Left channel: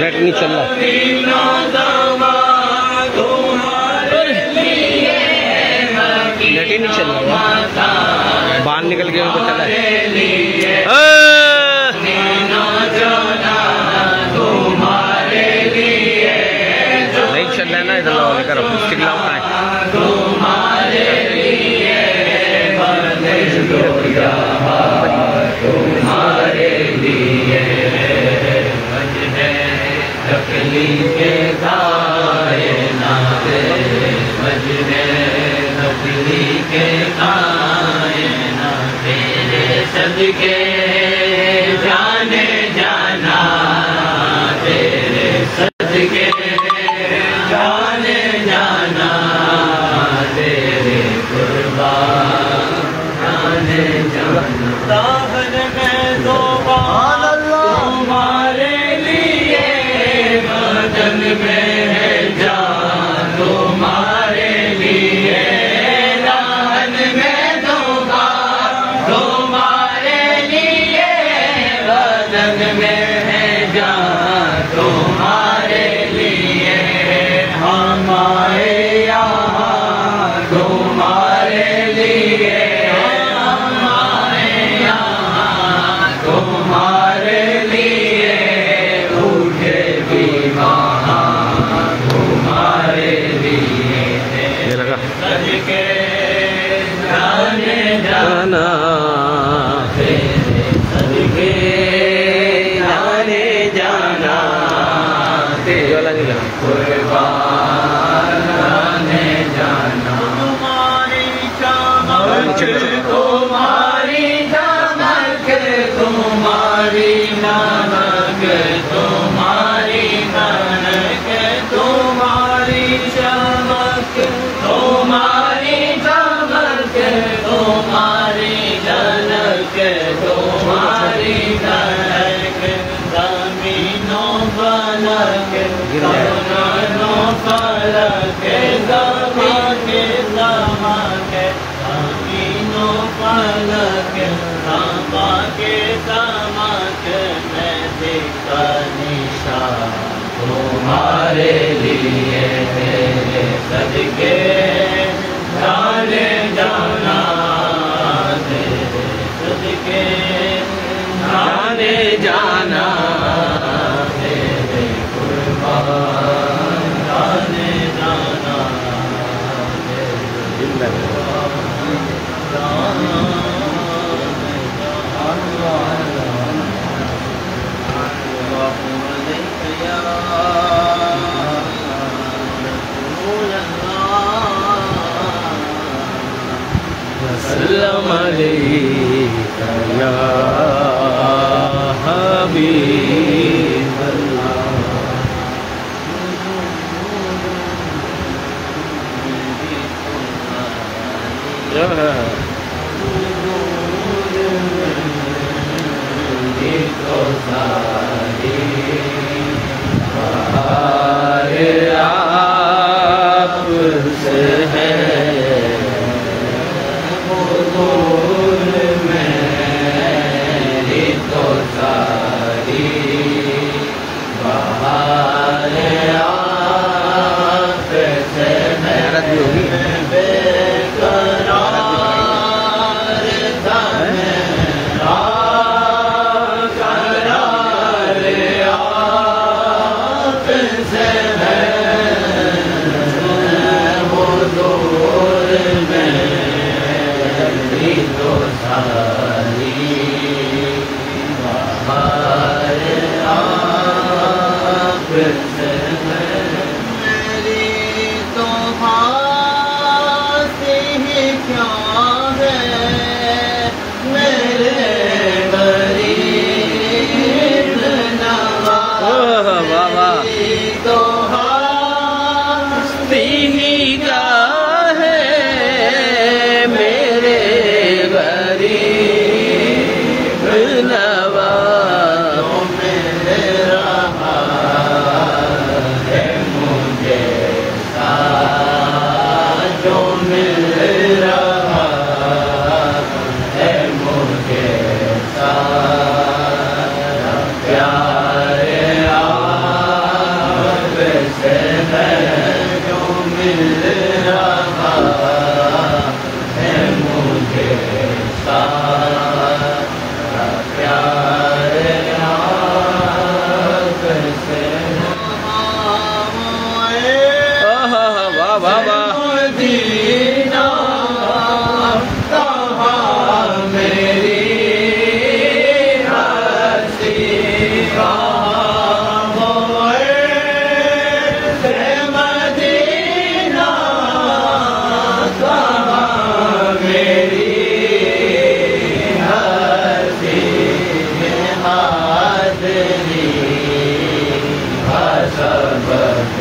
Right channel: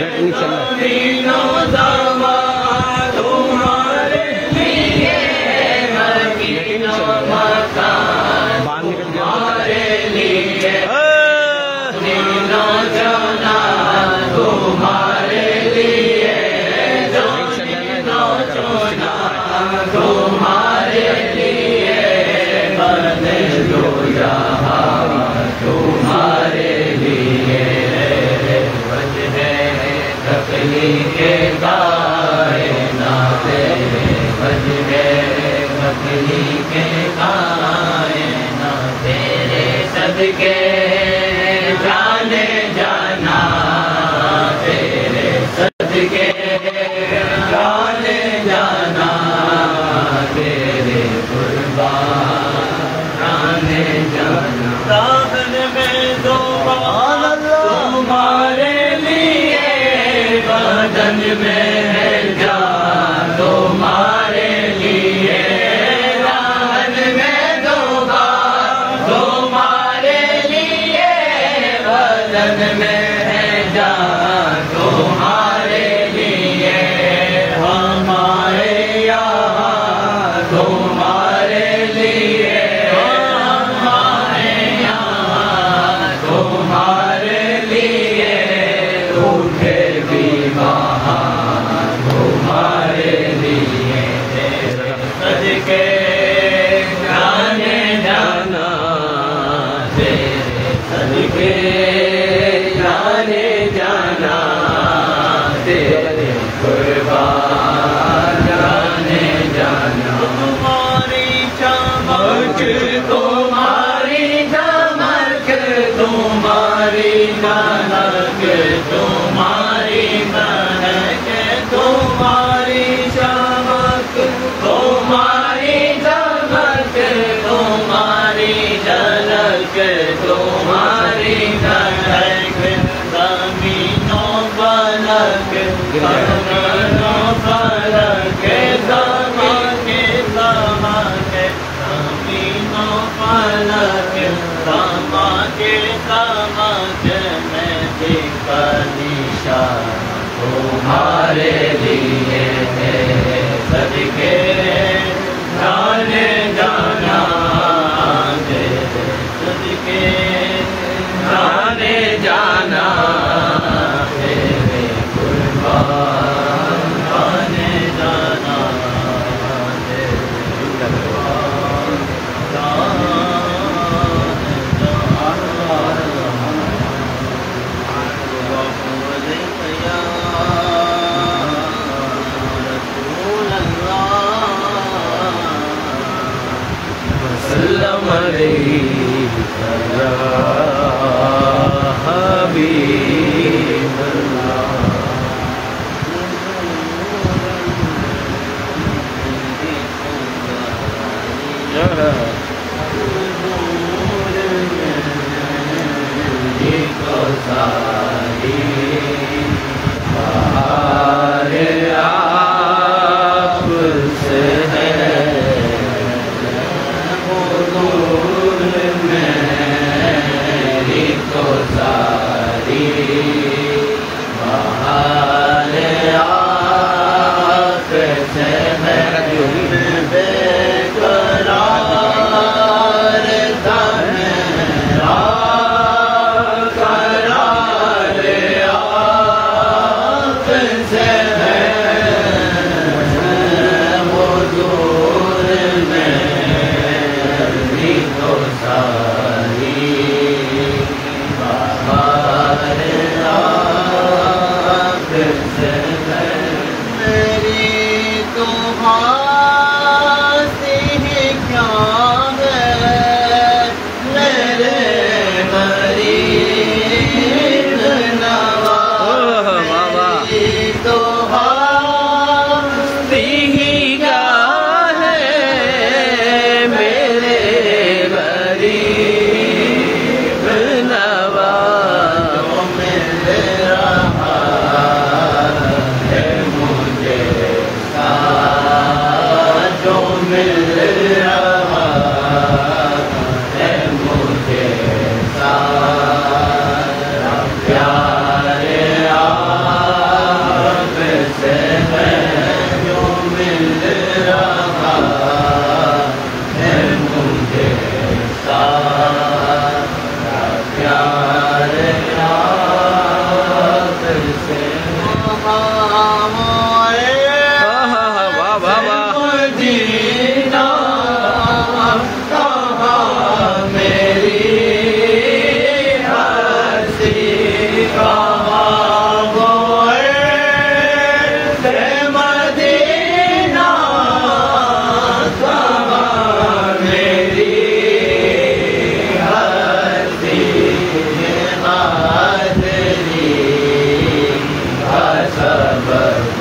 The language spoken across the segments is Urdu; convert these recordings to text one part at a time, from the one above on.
نیٹ نہیں چل رہا، نیٹ ہی نہیں چل رہا، باہر نکل گیا تو چلا نہیں چل رہا نا، ادھر صدقے جانے جانا تیرے، صدقے جانے جانا تیرے قربان جانے جانا، دامن میں دوبارہ تمہارے لیے، بدن میں ہے جان تمہارے لیے، میں ہے جان تمہارے لیے، ہمارے یہاں تمہارے لیے، ہمارے یہاں تمہارے لیے، اٹھے بھی وہاں تمہارے لیے، صدقے جانے جانا تیرے، صدقے جانا قربان جانے جانا، تمہاری چمک تمہاری چمک تمہاری ملک تمہاری ملک، تمہاری چمک تمہاری چمک تمہاری جھلک تمہاری جھلک، زمینوں فلک زمینوں فلک زمانے زمانے، زمینوں فلک زمانے زمانے، میں دیکھا نشان تمہارے لیے ہے، صدقے جانے جانا تیرے، صدقے جانے جانا تیرے قربان جانے جانا تیرے قربان وسلم علیک یا حبیب اللہ، آپ سے ہے میرے غریب نواز بابا تو تیری گاہ ہے میرے غریب نواز مل رہا ہے مجھے جو مل رہا ہے مجھے سارا پیار آپ سے ہے جو مل رہا ہے مجھے سارا پیار آپ سے واہ بابا مدینہ کہاں میری ہستی کہاں ہوئے مدینہ کہاں میری ہستی حاضری حسبت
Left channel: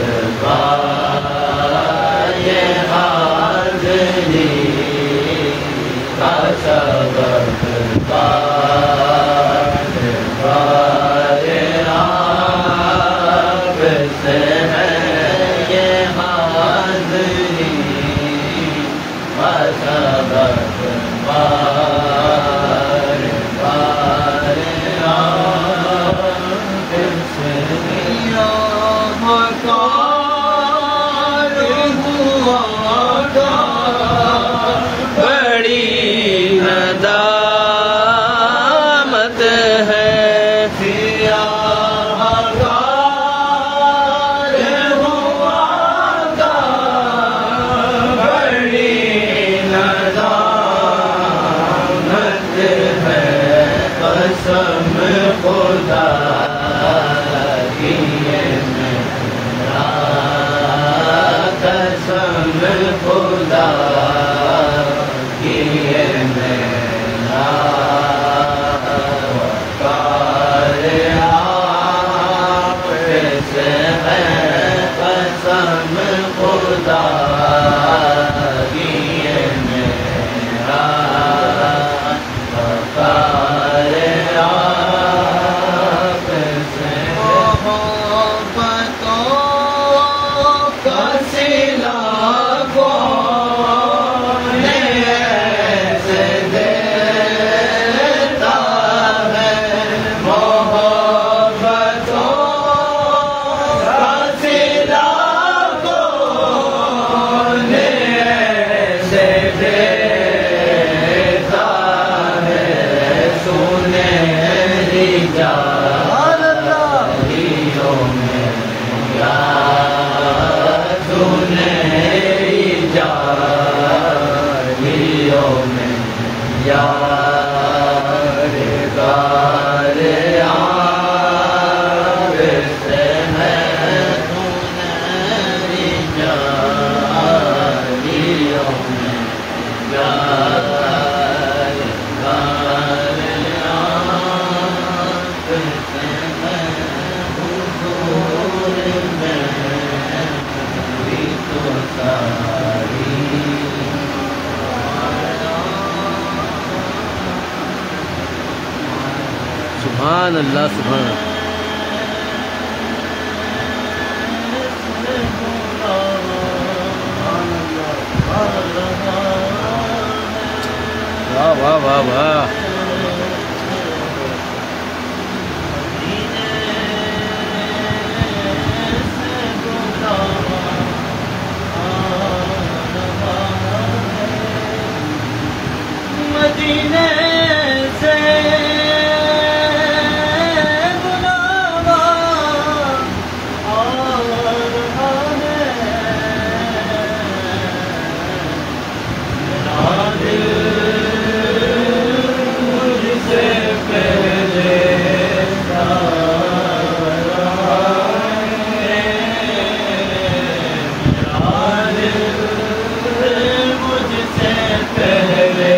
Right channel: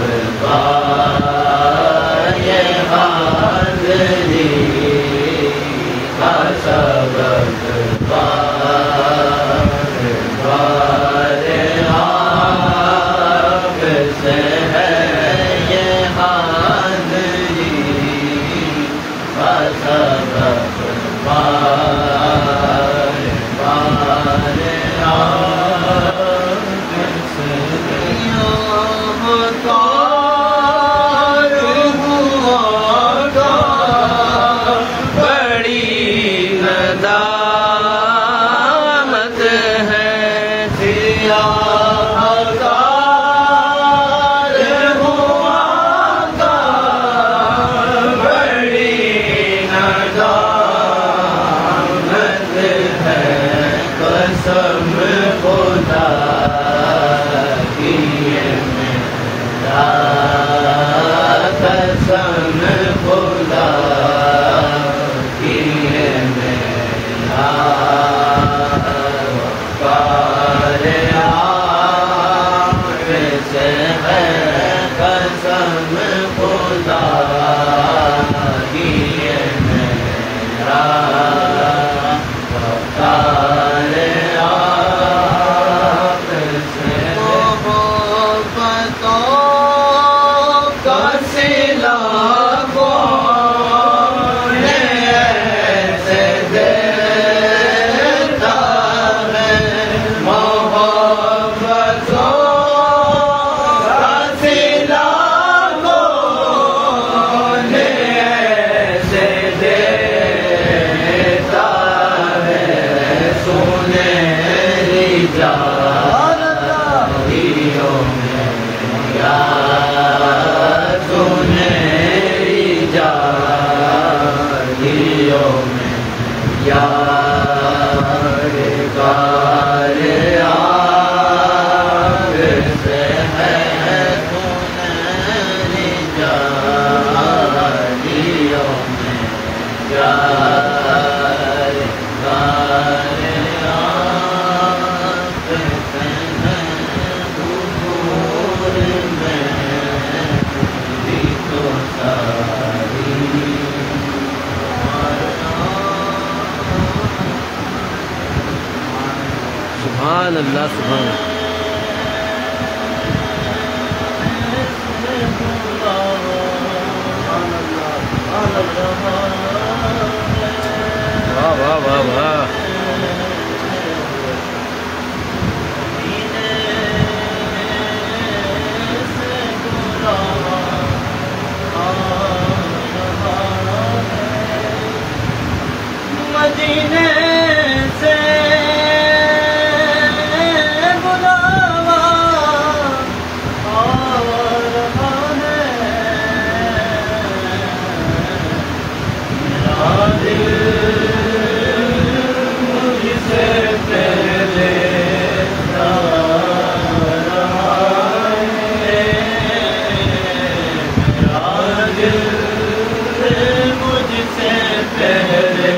ندامت ہے سبحان اللہ سبحان اللہ. واہ واہ واہ واہ. مدینے سے بلاوا آ رہا ہے میرا دل مجھ سے پہلے جا رہا ہے میرا دل مجھ سے پہلے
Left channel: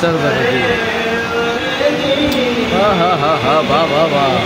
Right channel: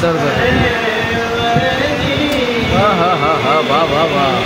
سر ہاں ہاں ہاں ہاں واہ واہ واہ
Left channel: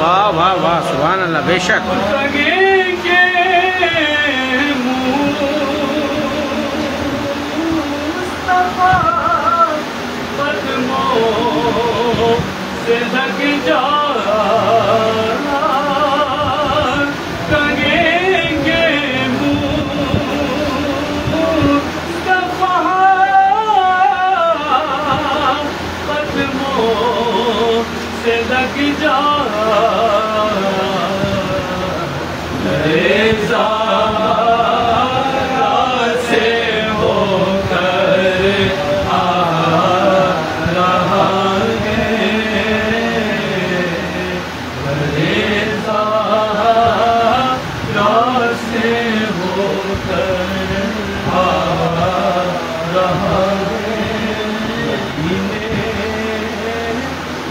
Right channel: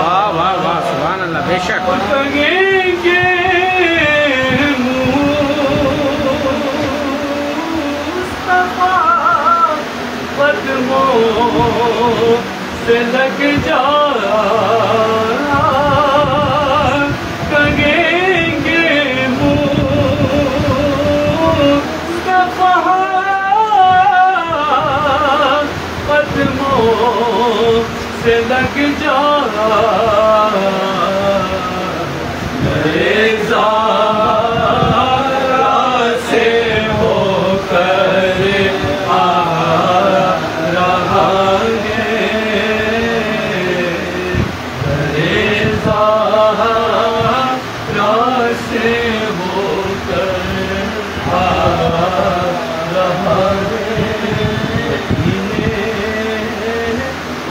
واہ واہ واہ سبحان اللہ بے شک سے لگ جا کہیں گے قدموں سے لگ جا سے ہو کر آ رہا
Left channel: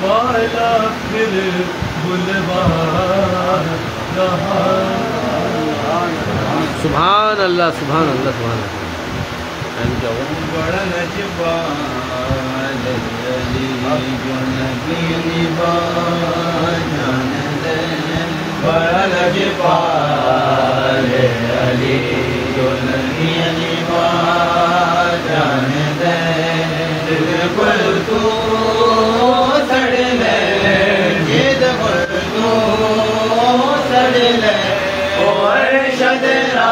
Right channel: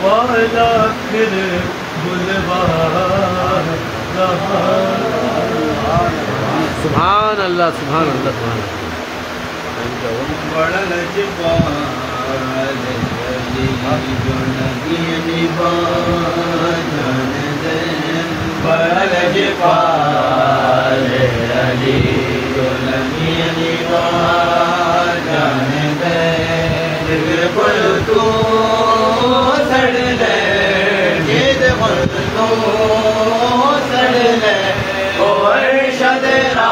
والا پھر بلوا رہا سبحان اللہ سبحان اللہ سبحان اللہ. بڑا لجپال علی جو نبی جان دے بڑا لجپال علی جو نبی جان دے دل پر تو سڑ لے جد پر تو سڑ لے اور شدرا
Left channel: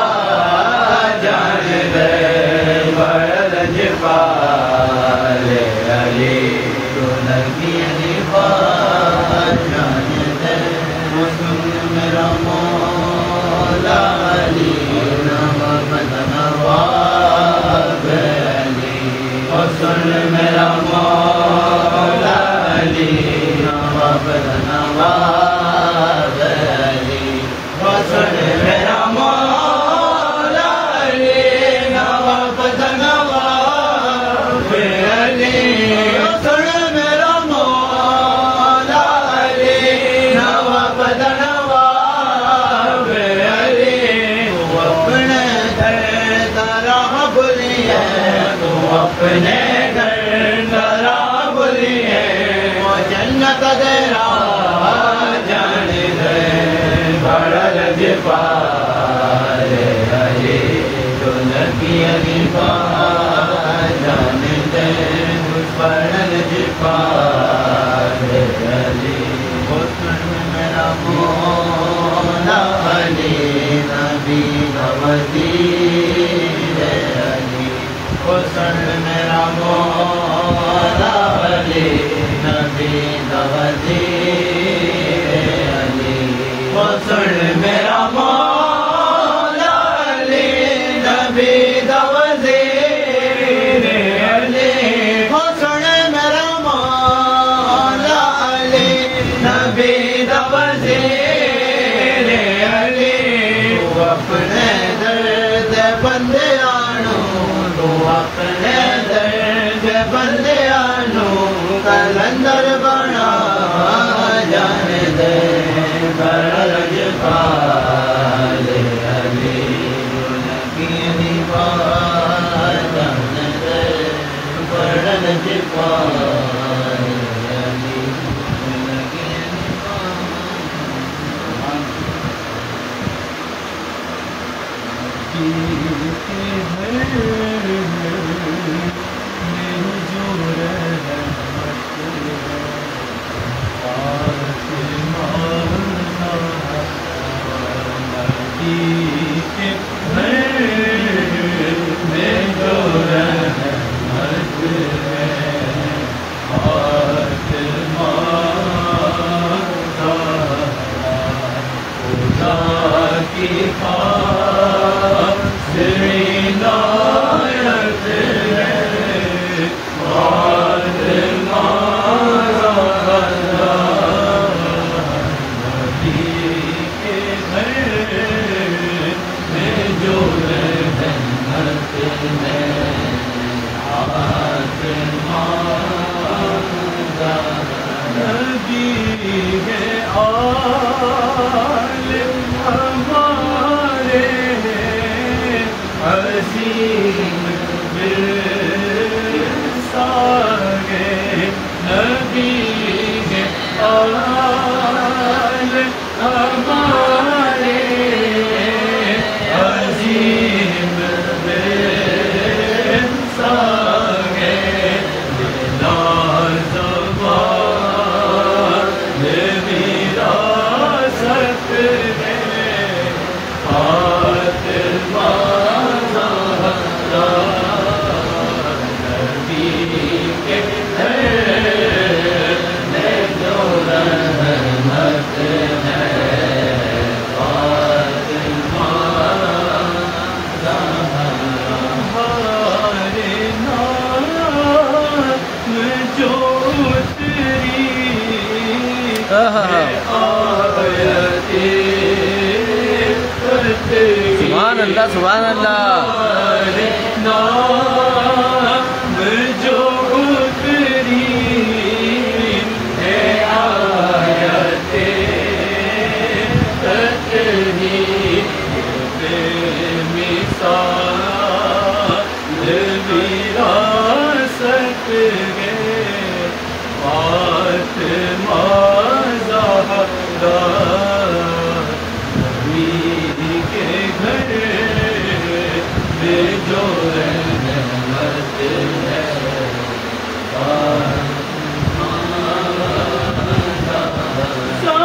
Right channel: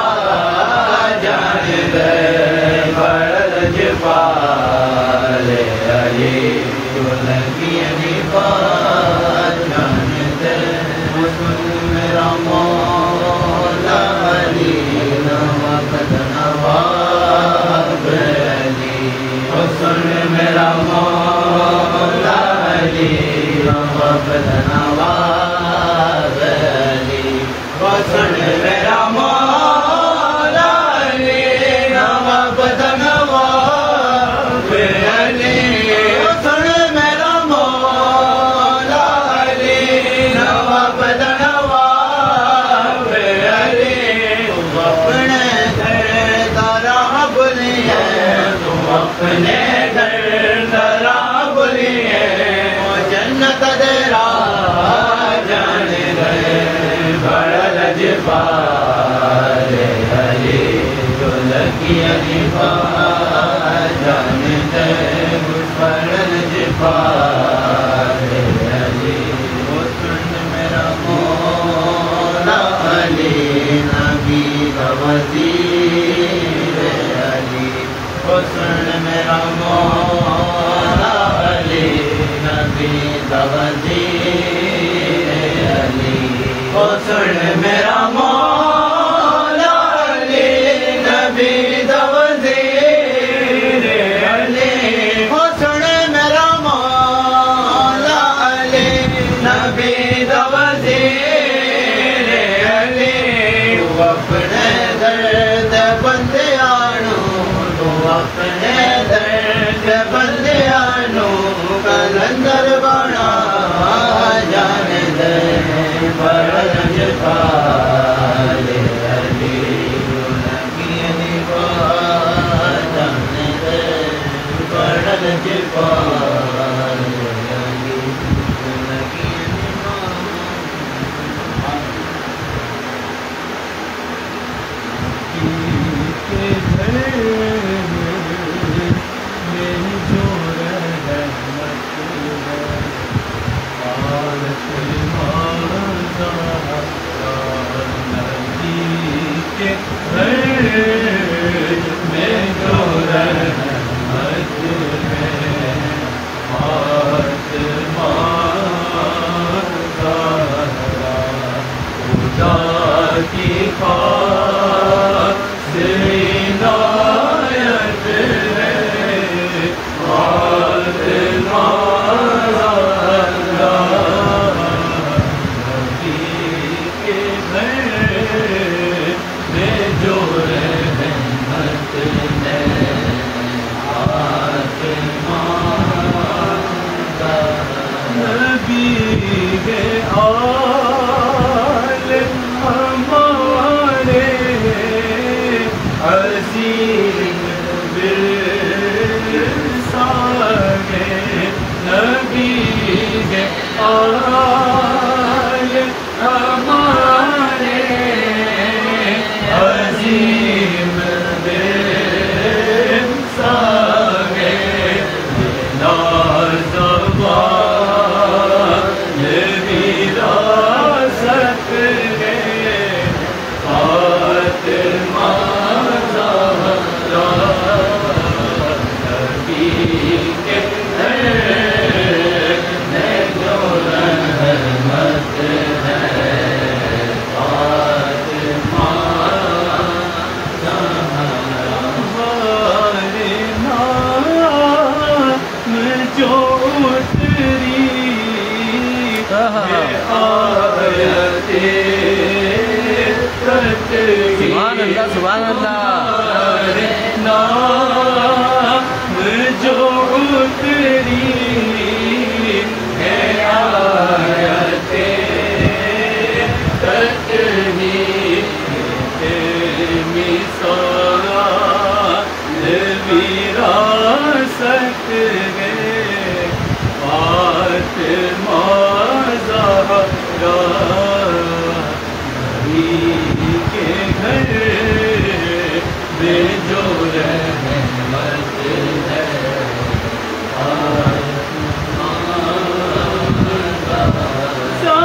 جان دے بڑا لجپال علی جو نبی جان دے میرا مولا علی نوابت نواب علی سن میرا مولا علی نوابت نواب علی سن میرا مولا علی نوابت نواب علی سن میرا مولا علی نوابت نواب علی اپنے گھر تارا بولیے تو اپنے گھر تارا بولیے وہ جنت دیرا جان گئے بڑا لجپال علی جو لگی علی جان گئے بڑا لجپال علی وہ سن میرا مولا علی نبی کا وزیر علی وہ سن میرا مولا علی نبی کا وزیر علی وہ سن میرا مولا علی نبی کا وزیر علی وہ سن میرا مولا علی نبی کا وزیر علی تو اپنے درد بندے آنو تو اپنے درد بندے آنو کلندر بنا جان دے بڑا لجپال علی جو لگی علی جان دے بڑا لجپال علی جو لگی کے گھر میں جو رحمت ہے نبی کے گھر میں جو رحمت ہے خدا کی عنایت ہے نبی کے گھر میں جو رحمت ہے نبی کے آل ہمارے حسین برساگے نبی کے آل ہمارے حسین برساگے وراثت ہے فاطمہ نبی کے گھر میں جو رحمت بے جو رحمت ہے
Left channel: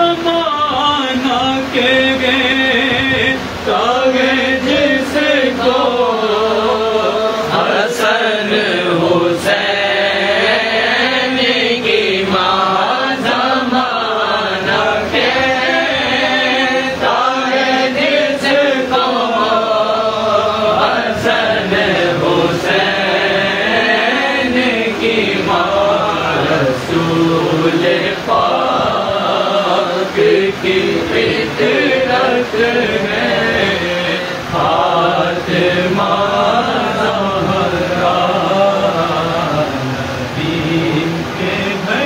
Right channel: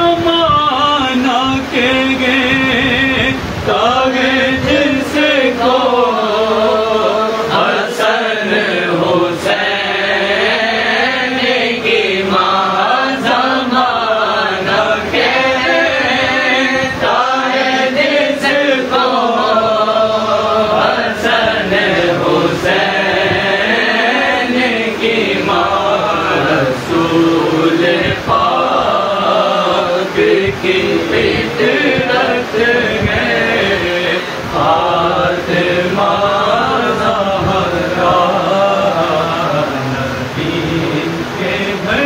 زمانہ کے گے تاگے جس کو حسن حسین کی ماں زمانہ کے تاگے جس کو حسن حسین کی ماں رسول پاک کی فطرت ہے فاطمہ زہرا نبی کے گھر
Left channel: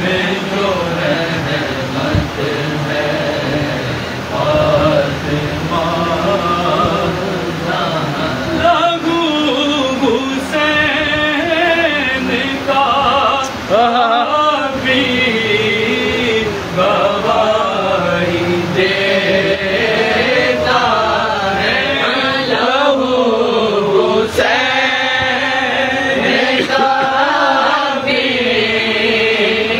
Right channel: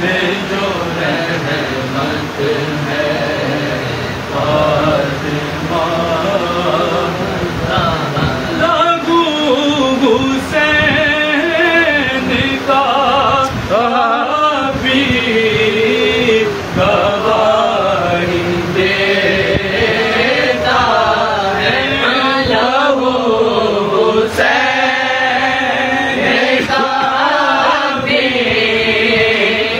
میں جو رحمت ہے فاطمہ لگو حسین کا بھی گواہی دیتا ہے لہو حسین کا بھی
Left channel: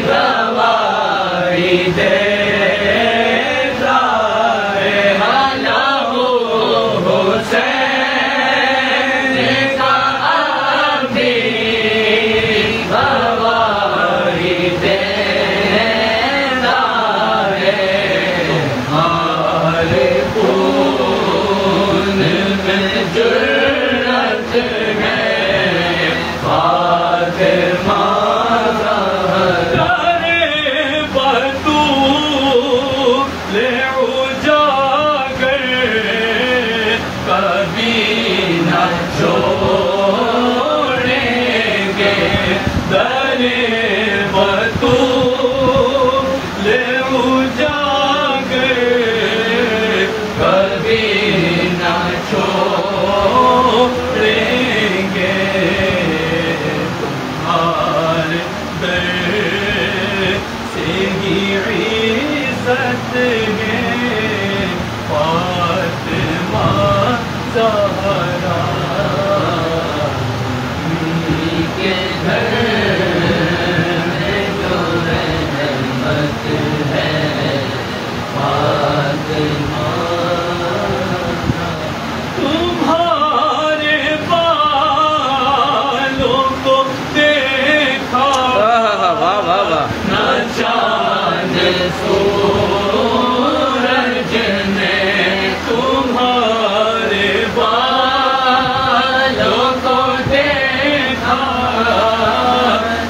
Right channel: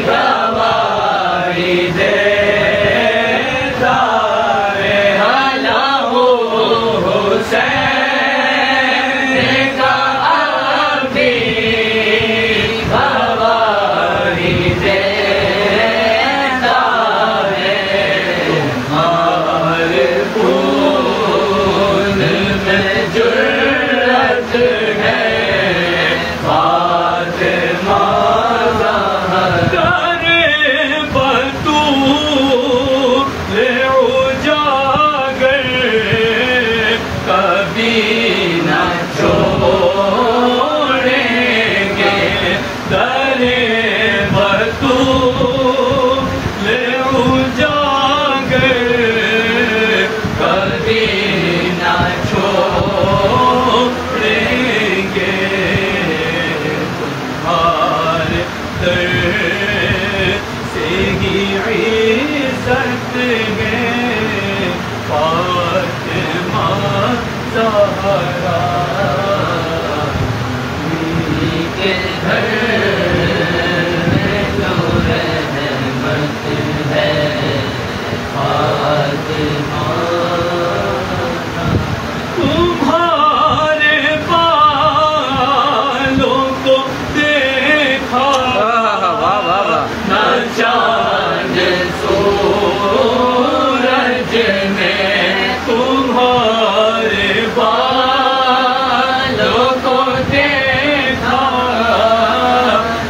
گواہی دیتا ہے لہو حسین کا بھی گواہی دیتا ہے تمہارے خون میں جرأت ہے فاطمہ زہرا بطول اجاگر کبھی نہ چھوڑیں گے در بطول اجاگر کبھی نہ چھوڑیں گے تمہارے در سے ہی عزت ہے فاطمہ زہرا نبی کے گھر میں جو رحمت ہے فاطمہ تمہارے بالوں کو دیکھا واہ واہ واہ نہ چاند سورج نے تمہارے بالوں کو دیکھا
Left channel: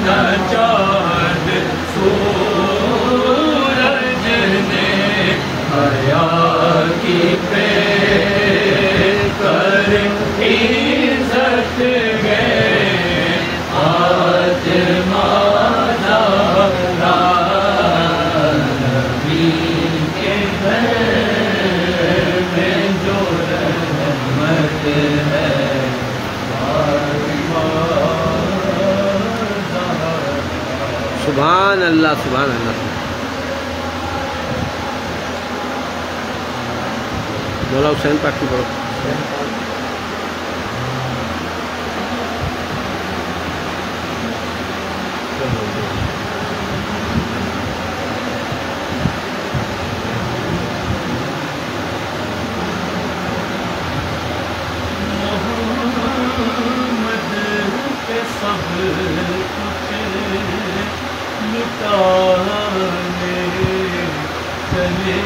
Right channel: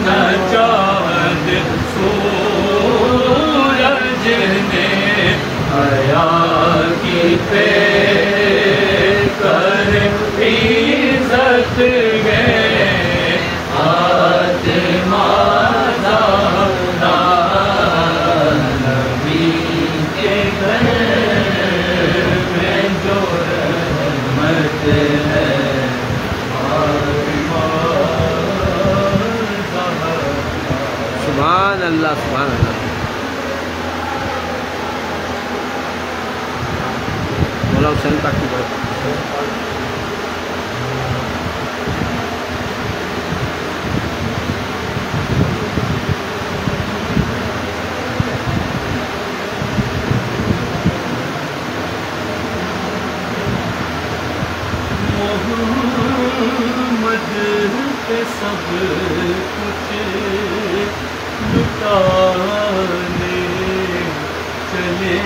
نہ چاند سورج نے حیا کی پہ کر عزت گئے فاطمہ زہرا نبی کے گھر میں جو رحمت ہے فاطمہ زہرا سبحان اللہ سبحان اللہ مولا حسین پاک کی بڑھ محمد پہ سب کچھ لٹانے چلے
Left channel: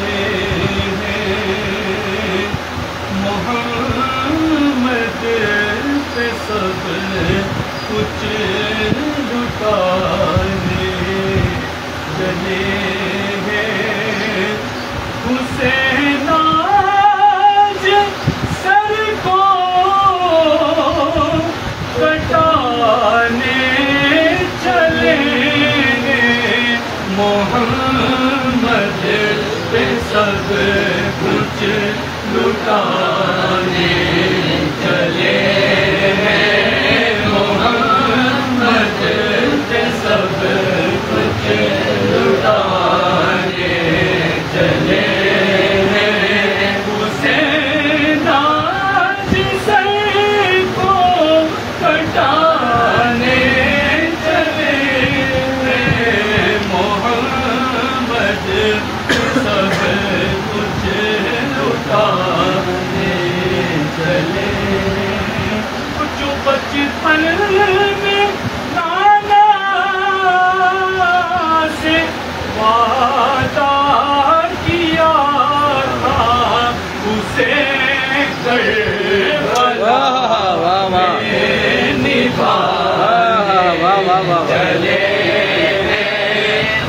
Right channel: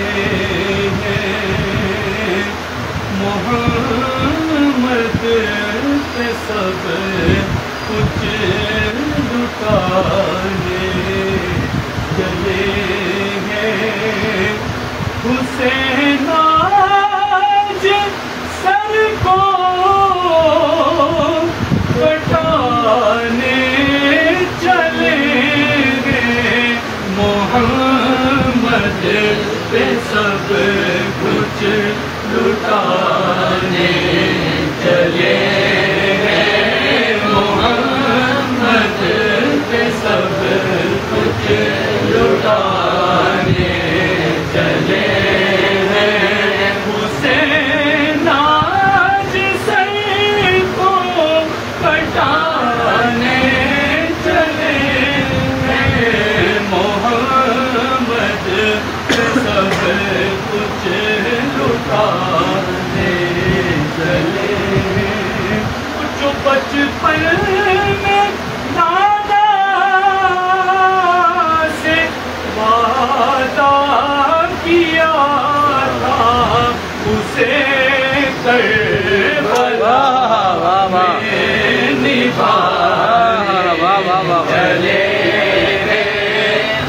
ہیں محمد پہ سب کچھ لٹانے چلے ہیں حسین آج سر کو کٹانے چلے گے محمد پہ سب کچھ لٹانے چلے گئے محمد پہ سب کچھ لٹانے چلے گئے حسین بچپن میں نانا سے وعدہ کیا تھا اسے کربلا میں نبھانے چلے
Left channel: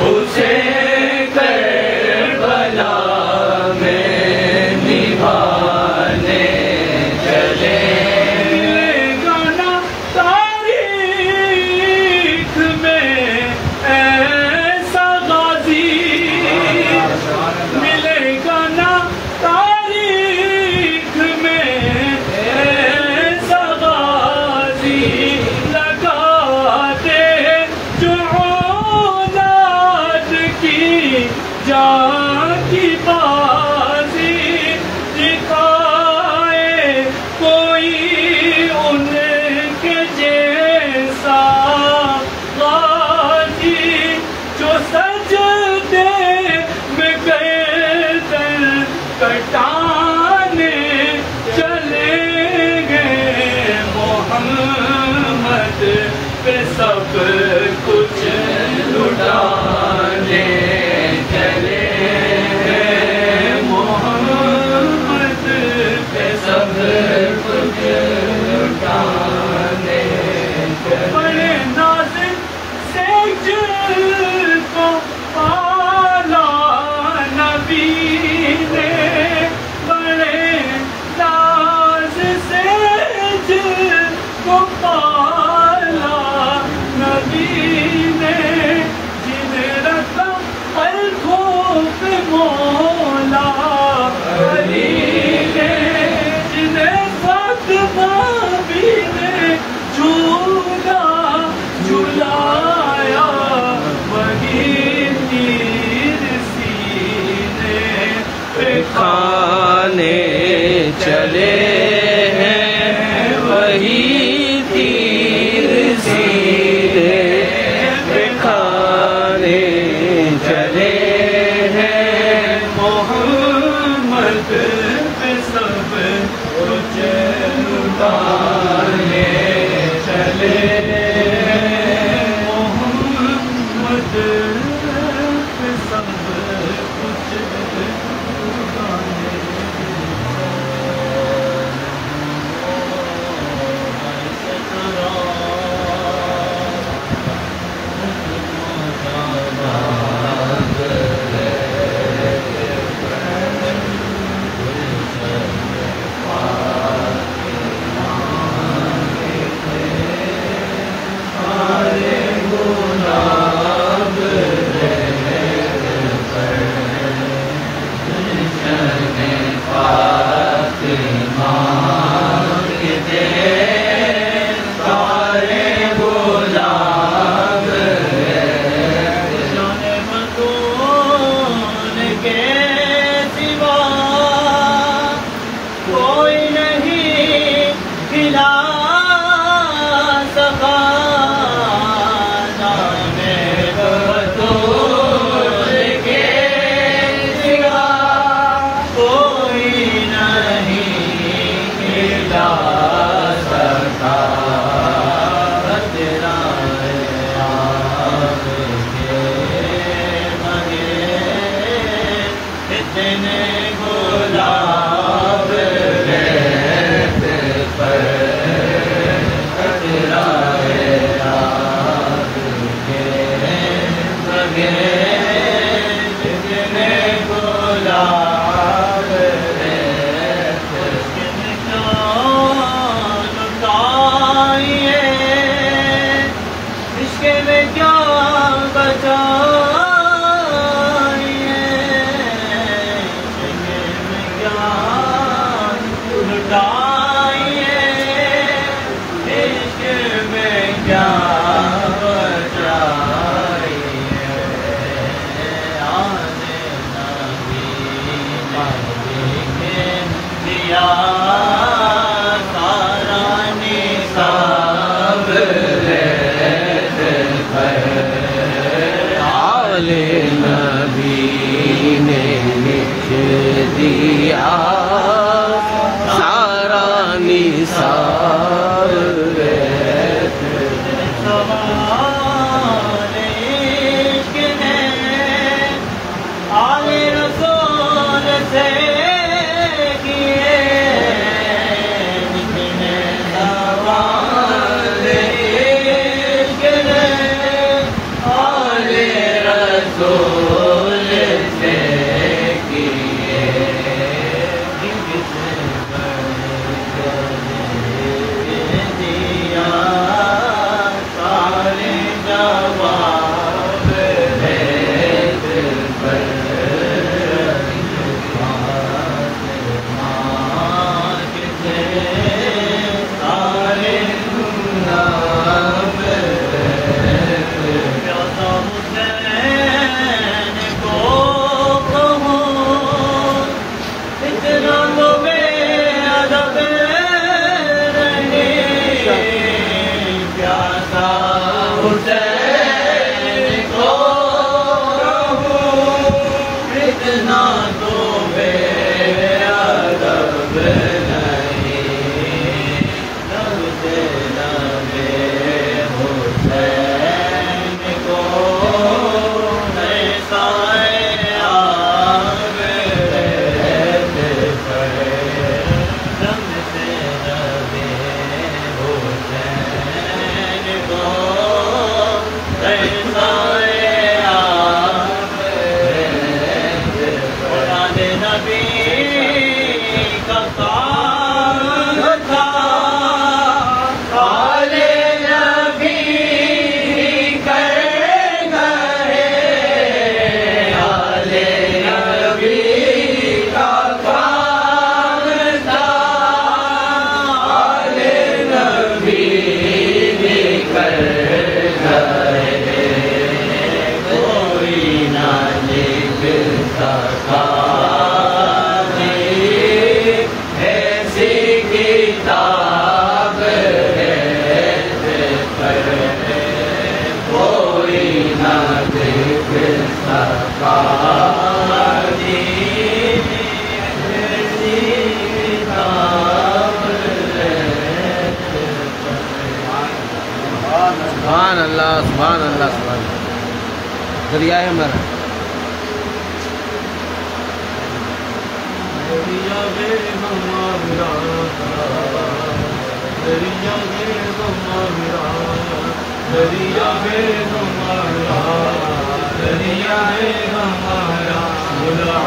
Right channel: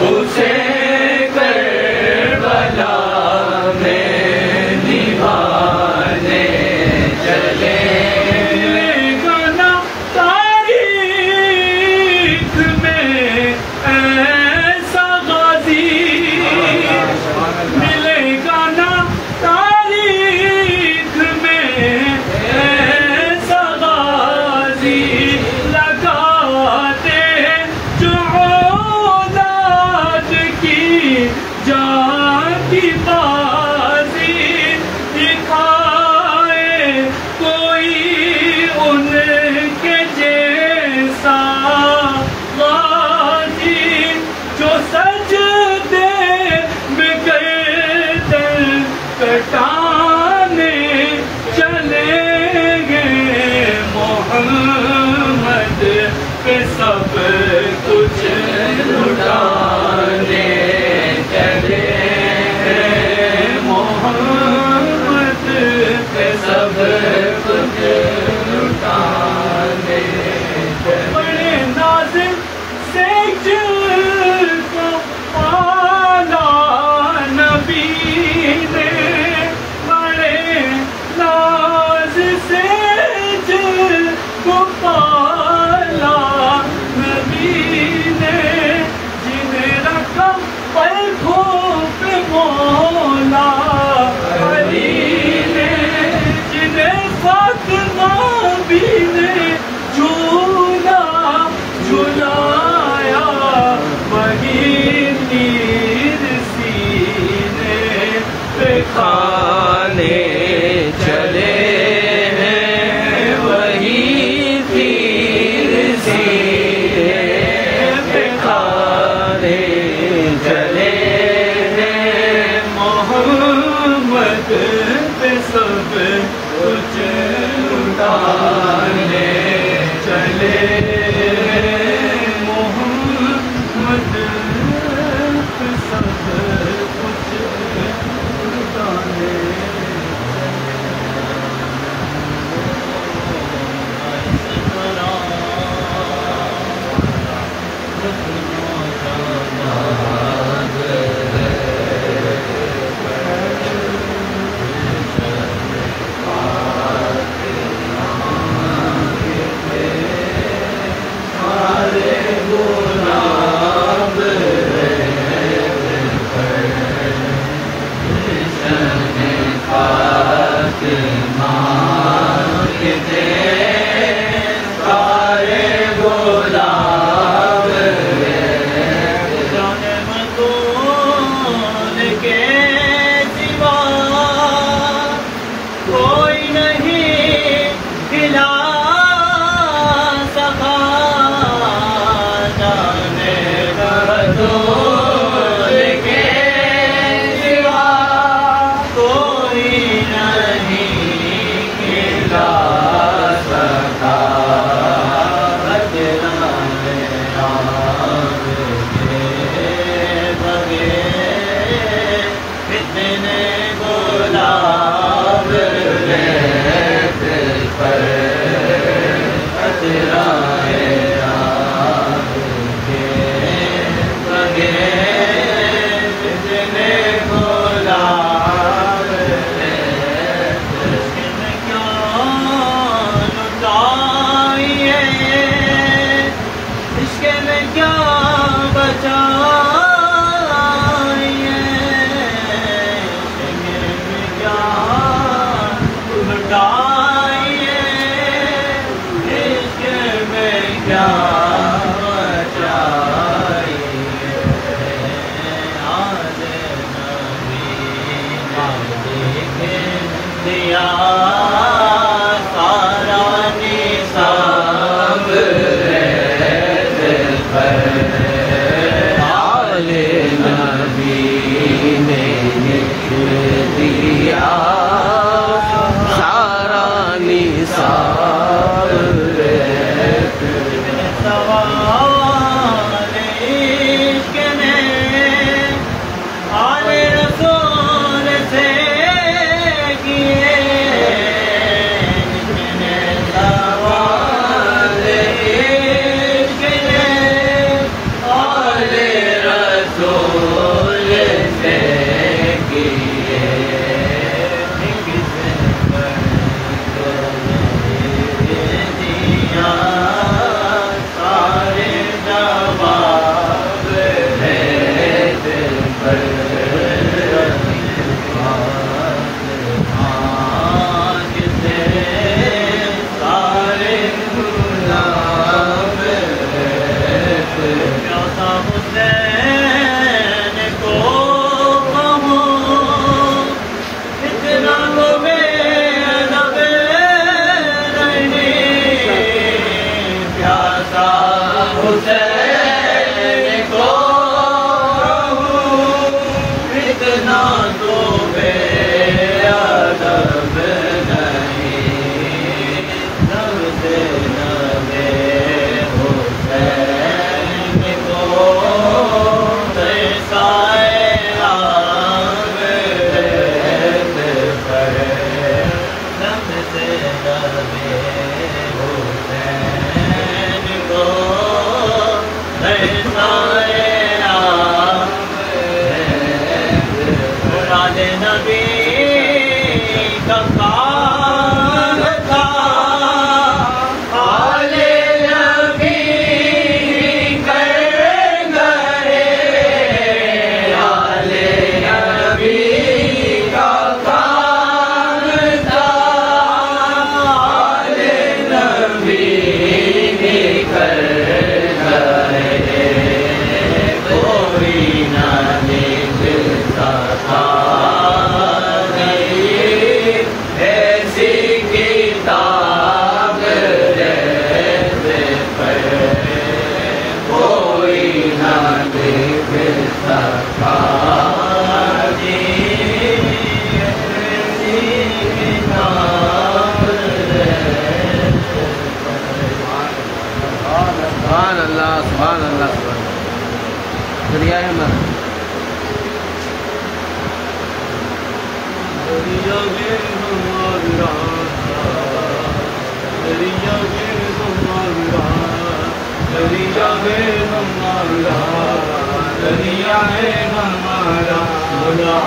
اسے کربلا میں نبھانے چلے گانا تاریخ میں ایسا غازی ملے گا نا تاریخ میں ایسا غازی لگاتے جو اولاد کی جان کی بازی دکھائے کوئی ان کے جیسا غازی جو سجدے میں گردن کٹانے چلیں گے محمد پہ سب کچھ لٹانے چلے محمد پہ سب کچھ لٹانے بڑے ناز سے جل کو پالا نبی نے بڑے ناز سے جل کو پالا نبی نے جنہیں رکھا پلکوں پہ مولا علی نے جنہیں فاطمہ بھی نے جھولا جھلایا وہی تیر سینے پہ کھانے چلے ہیں وہی تیر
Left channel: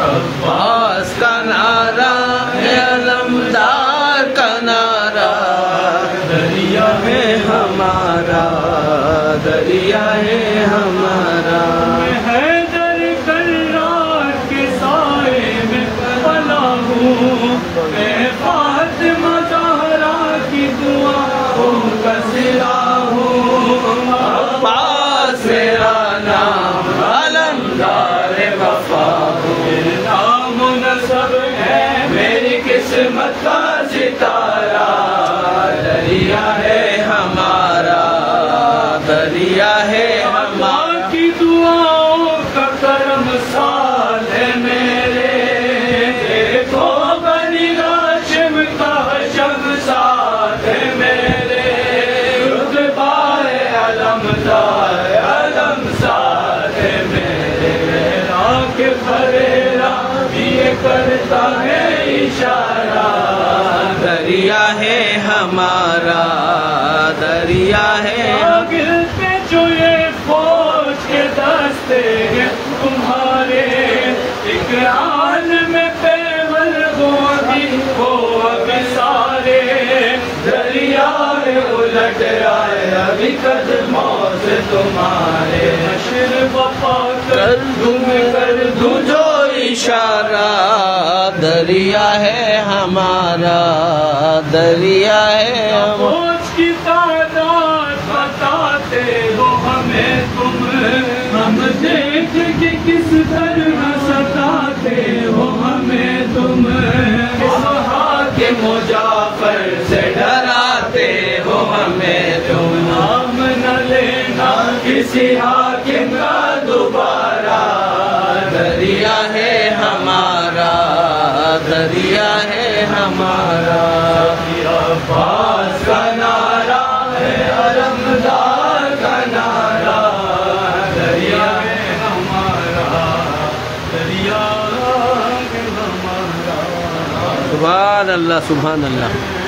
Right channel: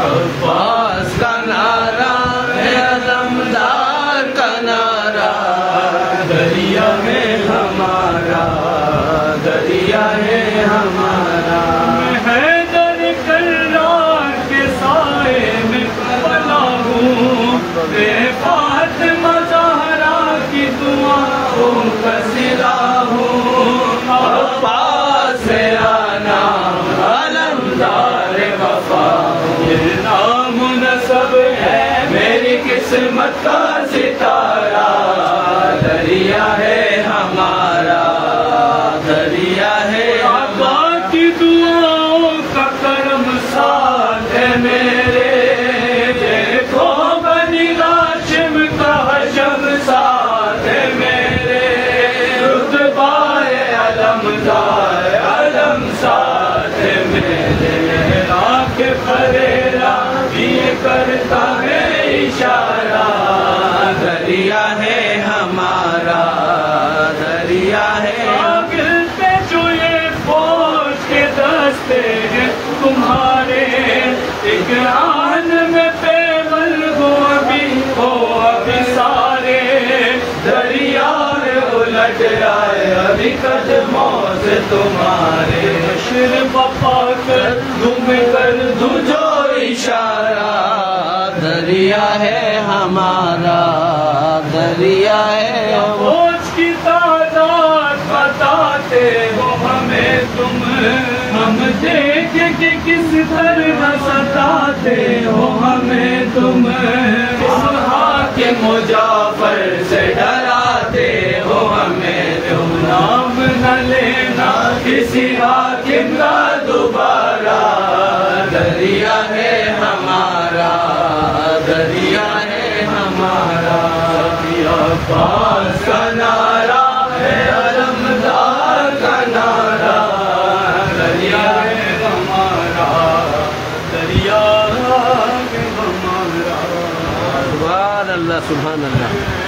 عباس کا نعرہ ہے علمدار کا نعرہ، دریا ہے ہمارا، دریا ہے ہمارا، حیدر کرار کے سائے میں پناہ ہوں، میں فاطمہ زہرا کی دعاؤں کا سرا ہوں، عباس میرا نام علمدار وفا، نام نسب ہے میری قسمت کا ستارہ، دریا ہے ہمارا، دریا ہے اللہ کی دعاؤں کا کرم ساتھ ہے میرے، دیکھو بنی ہاشم کا حشم ساتھ ہے میرے، رتبہ علمدار علم ساتھ ہے میرے، کے فریرا یہ کرتا ہے اشارہ، دریا ہے ہمارا، دریا ہے گرتے جو یہ فوج کے دستے ہیں تمہارے، ایک آن میں پیغل ہو ابھی سارے، دریا میں الٹ جائے ابھی قدموں سے تمہارے، حشر وفا کر تم کر دو جو اشارہ، دریا ہے ہمارا، دریا ہے فوج کی تعداد بتاتے ہو ہمیں تم، ہم دیکھ کے کس طرح ستاتے ہو ہمیں تم، کے مجافر سے ڈراتے ہو ہمیں تم، نام نہ لینا کسی حاکم کا دوبارہ، دریا ہے ہمارا، دریا ہے ہمارا، عباس کا نعرہ ہے علمدار کا نعرہ، دریا ہے ہمارا، دریا ہے ہمارا، سبحان اللہ سبحان اللہ۔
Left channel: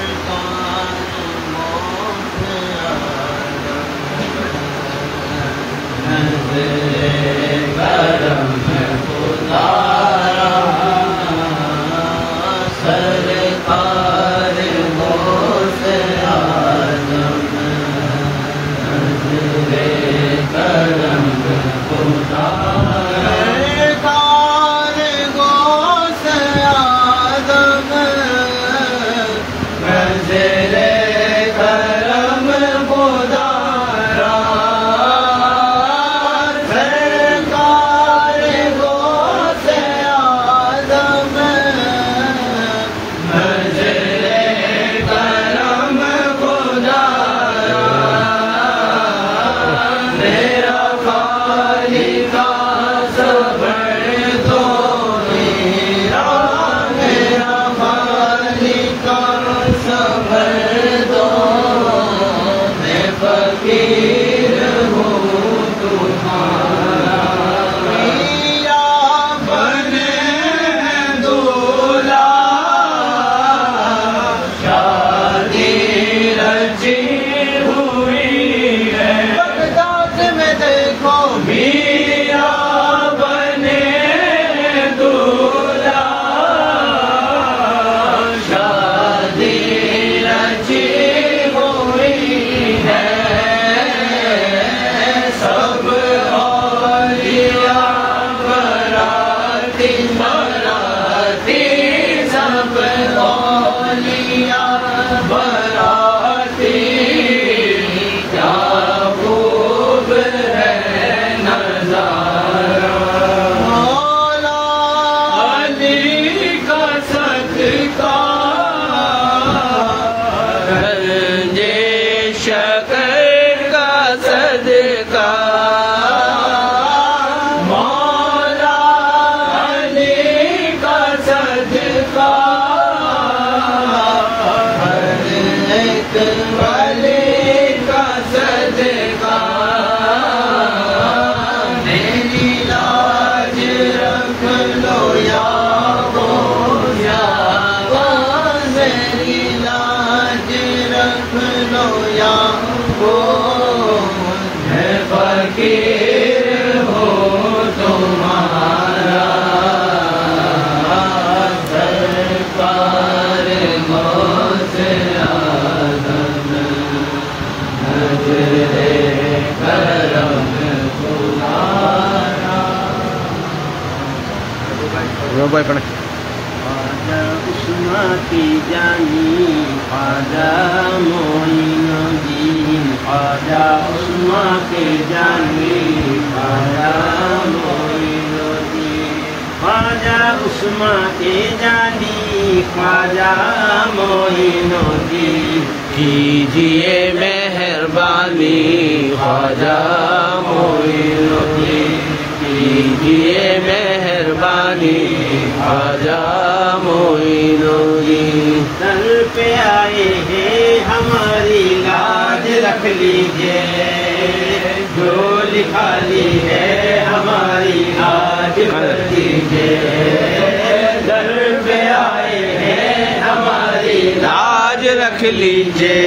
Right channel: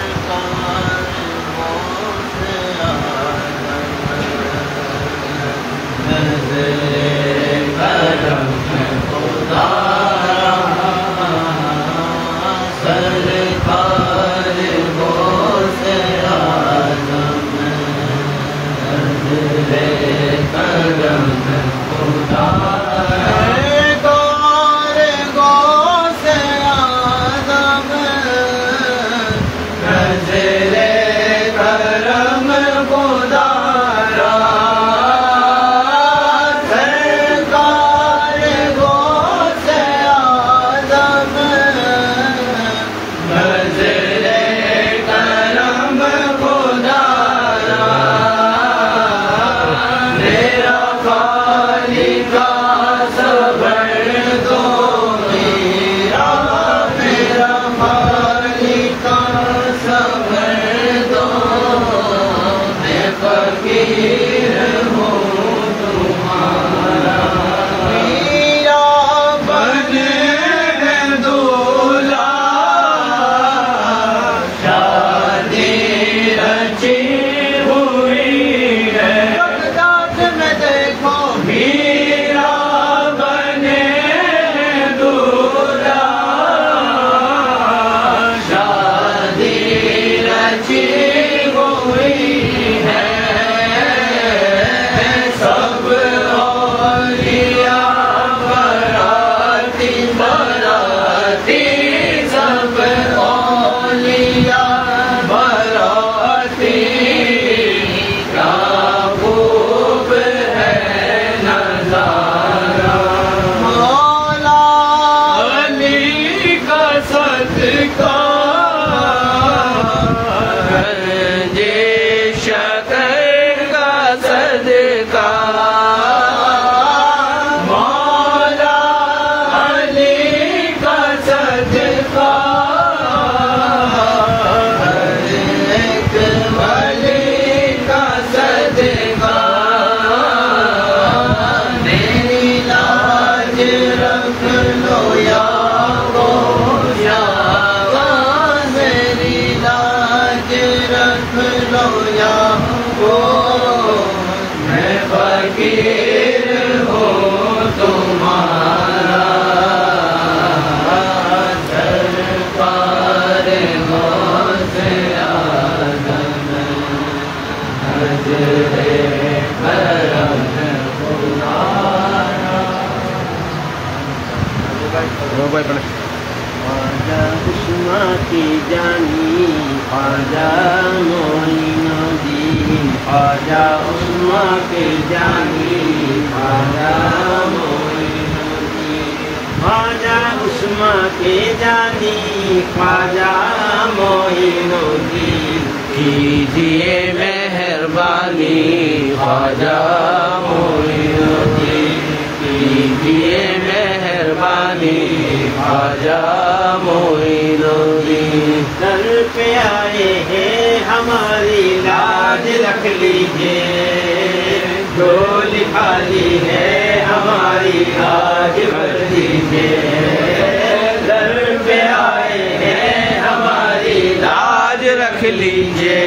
یا میں فقیر ہوں تمہارا دربار غوث اعظم حضرت کرم تمہارا خواجہ عثمان کی جانی خواجہ معین الدین خواجہ عثمان کی جانی خواجہ معین الدین خواجہ عثمان کی جانی خواجہ معین الدین کیجیے مہربانی خواجہ معین الدین کیجیے مہربانی خواجہ معین الدین در پہ آئے ہیں ہماری لاج رکھ لیجیے جو لکھا لی ہے ہماری آج بھر دیجیے در پہ آئے ہیں ہماری لاج رکھ لیجیے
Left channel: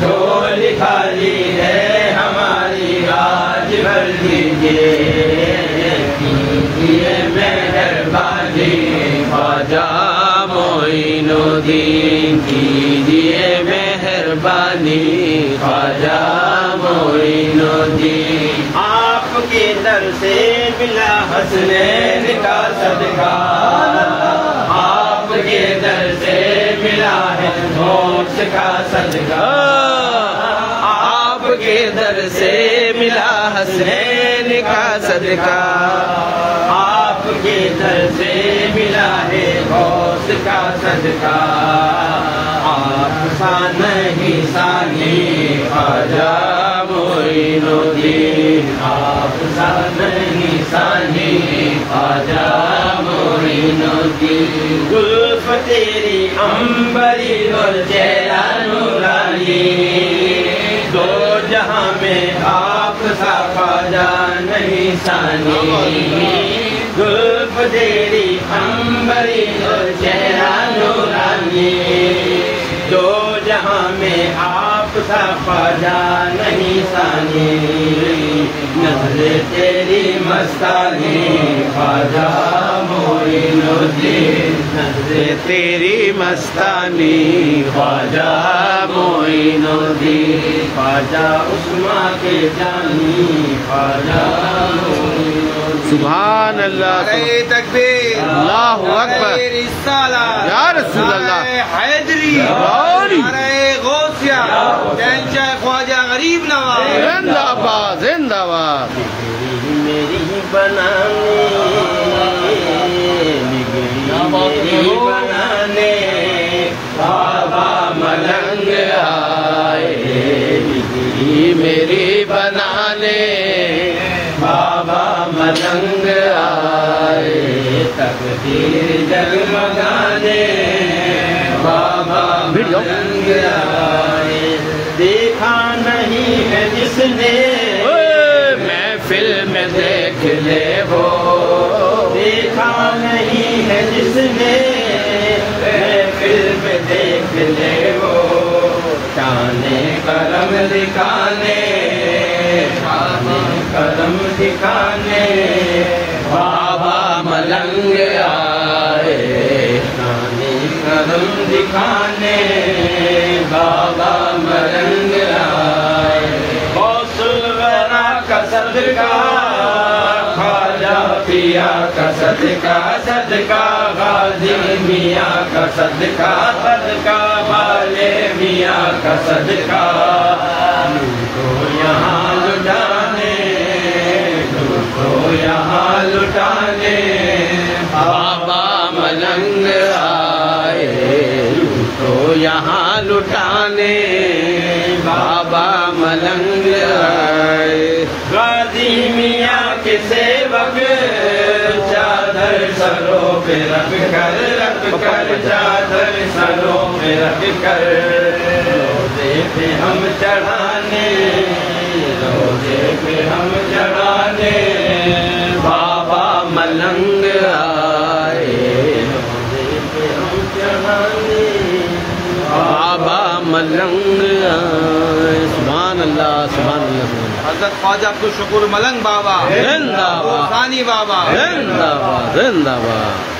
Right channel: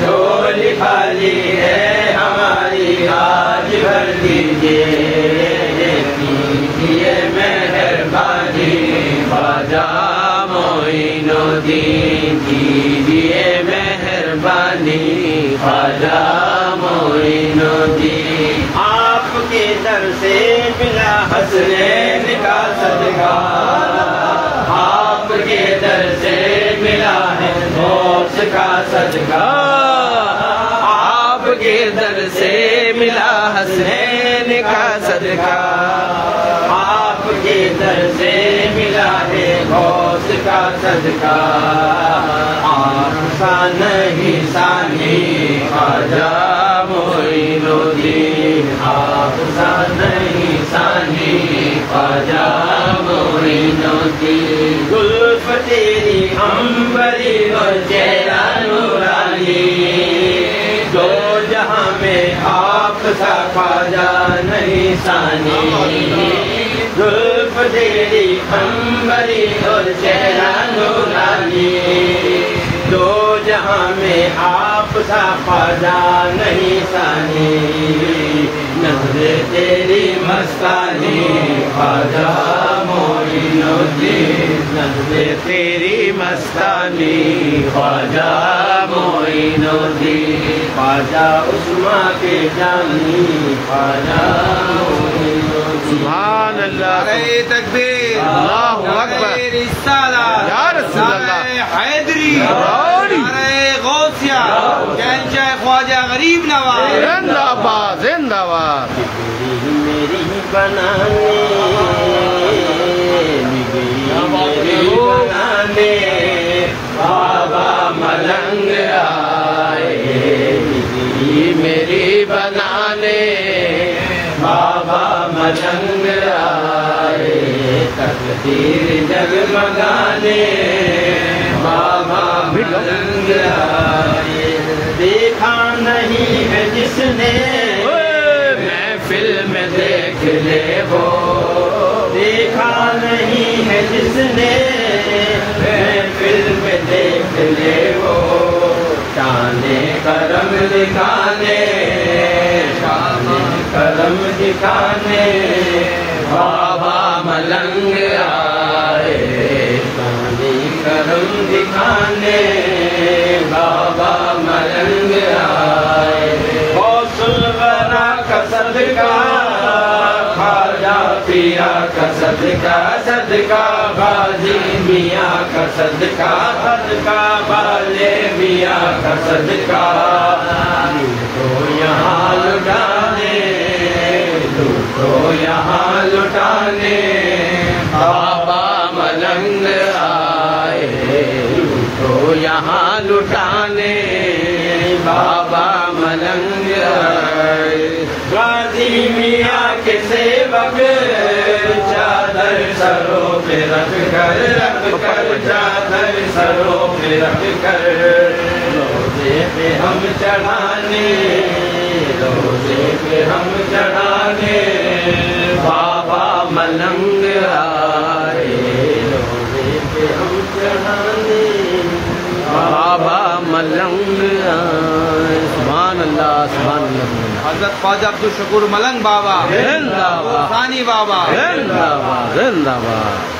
جو لکھا لی ہے ہماری آج بھر دیجیے کیجیے مہربانی خواجہ معین الدین کیجیے مہربانی خواجہ معین الدین آپ کے در سے ملا حسنین کا صدقہ آپ کے در سے ملا ہے غوث کا صدقہ آپ کے در سے ملا حسنین کا صدقہ آپ کے در سے ملا ہے غوث کا صدقہ آپ نہیں ثانی خواجہ معین الدین آپ نہیں ثانی خواجہ معین الدین زلف تیری عنبری اور چہرہ نورانی دو جہاں میں آپ سا خواجہ نہیں ثانی زلف تیری عنبری اور چہرہ نورانی دو جہاں میں آپ سا خواجہ نہیں ثانی نظر تیری مستانی خواجہ معین الدین نظر تیری مستانی خواجہ معین الدین خواجہ عثمان کے جانی خواجہ معین الدین سبحان اللہ تکبیر اللہ اکبر یا رسول اللہ حیدری غوثیہ شہنشاہ خواجہ غریب نواز زندہ باد زندہ باد میری بنانے بنانے بابا ملنگ آئے میری بنانے بابا ملنگ آئے تقدیر جلمگانے بابا ملنگ آئے دیکھا نہیں ہے جس نے محفل میں دیکھ لے وہ دیکھا نہیں ہے جس نے محفل میں دیکھ لے وہ شانے کرم دکھانے شانے کرم دکھانے بابا ملنگ آئے شانے کرم دکھانے بابا ملنگ آئے غوث الورا کا صدقہ خواجہ پیا کا صدقہ صدقہ غازی میاں کا صدقہ صدقہ والے میاں کا صدقہ تو یہاں لٹانے تو یہاں لٹانے بابا ملنگ آئے تو یہاں لٹانے بابا ملنگ آئے غازی میاں کے سیوک چادر سروں پہ رکھ کر چادر سروں پہ رکھ کر روزے پہ ہم چڑھانے روزے پہ ہم چڑھانے بابا ملنگ آئے روزے پہ ہم چڑھانے بابا ملنگ آئے. سبحان اللہ سبحان اللہ سبحان اللہ. حضرت خواجہ عبد الشکور ملنگ بابا زندہ باد ثانی بابا زندہ باد زندہ باد.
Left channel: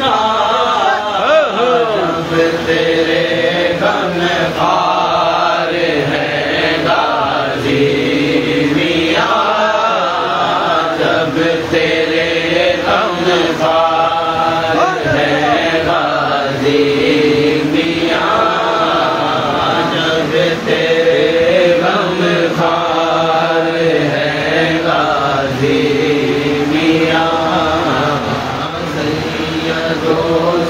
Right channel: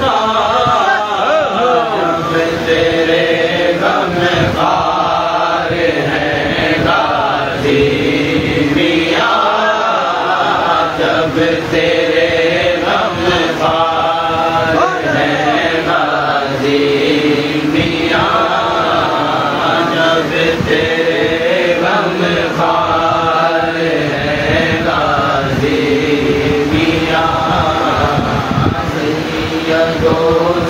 کا جب تیرے غم خار ہیں غازی میاں جب تیرے غم خار ہیں غازی میاں جب تیرے غم خار ہیں غازی میاں سیدو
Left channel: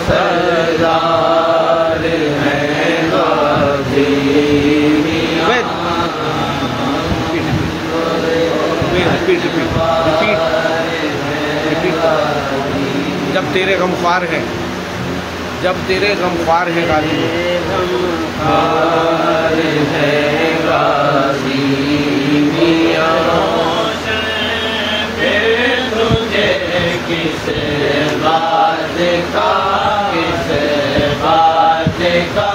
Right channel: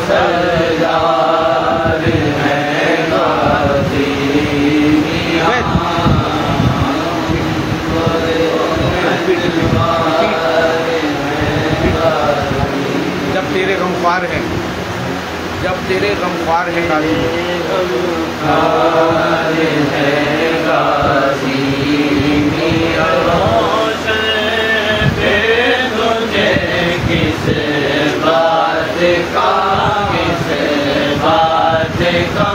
سردار ہیں غازی میاں جب تیرے غمخوار ہیں جب تیرے غمخوار ہیں غازی غمخوار ہیں غازی میاں روشن پھر تجھے کس بات کا کس بات کا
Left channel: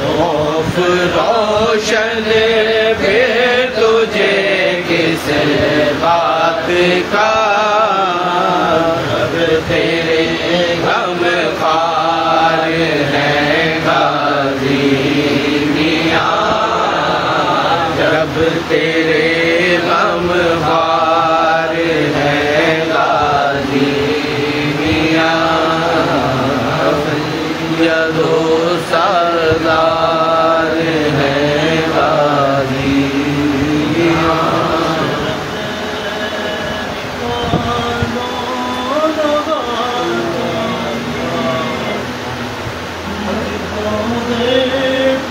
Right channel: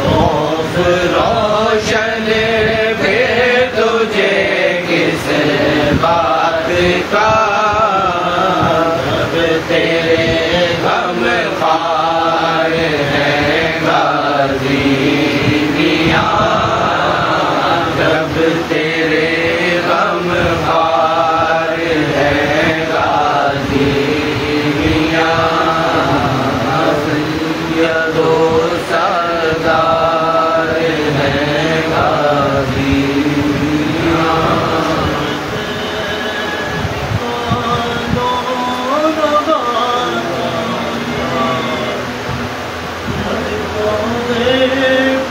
خوف روشن پھر تجھے کس بات کا جب تیرے غم خار ہیں غازی میاں جب تیرے غم خار ہیں غازی میاں سیدو سردار ہیں غازی میاں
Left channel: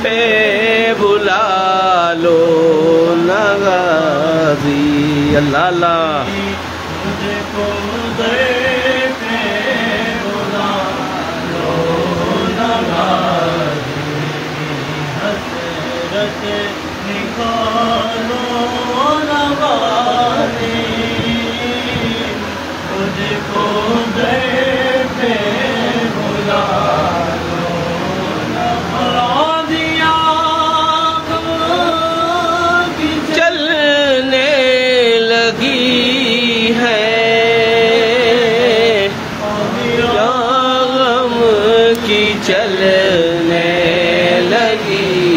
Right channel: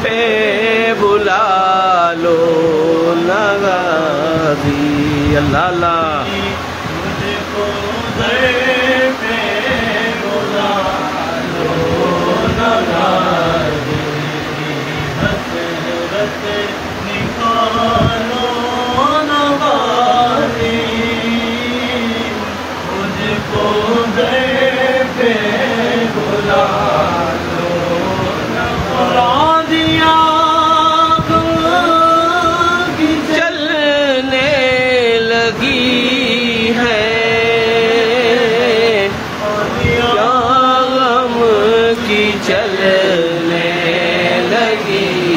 پہ بلا لو غازی اللہ اللہ مجھ کو در پہ بلا لو غازی حسرت نکالو غازی مجھ کو در پہ بلا چلنے لگی ہے غم کی چلنے لگی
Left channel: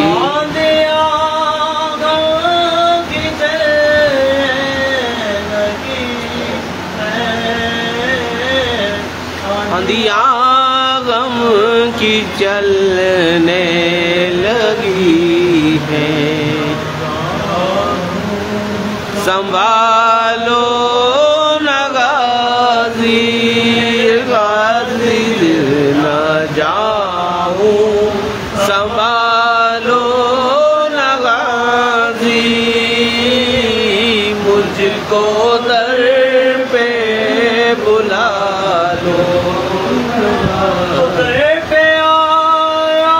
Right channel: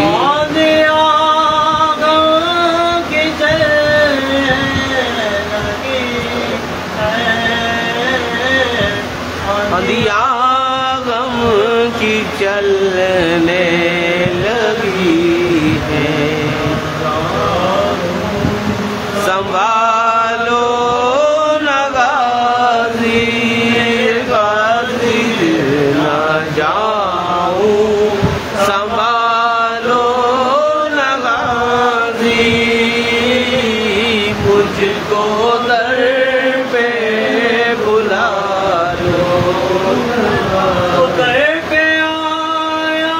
اندیا غم کی چلنے لگی ہے سنبھالو نہ غازی غازی نہ جاؤں سنبھالو نہ غازی مجھ کو در پہ بلا لو در پہ آیا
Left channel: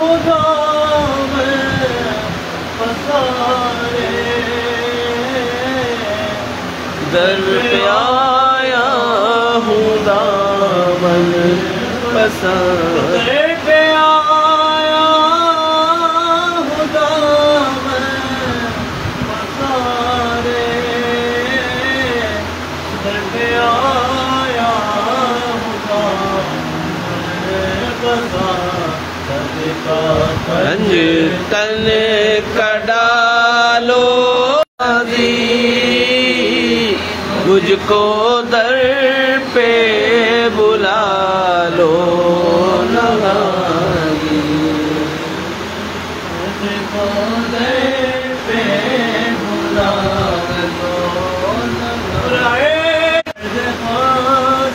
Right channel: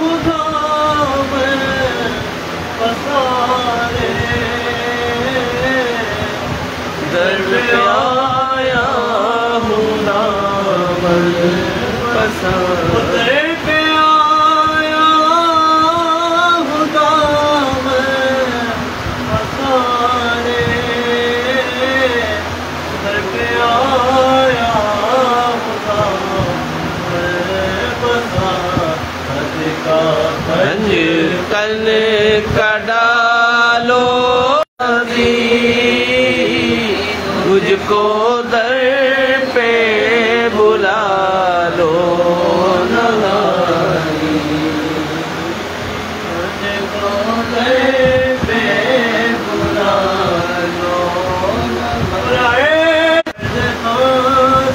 خدا میں پسارے در پہ آیا خدا من پسند در پہ آیا خدا میں پسارے در پہ آیا خدا میں پسارے رنج تن کا ڈالو مجھ کو در پہ بلا لو غازی مجھ کو در پہ بلا لو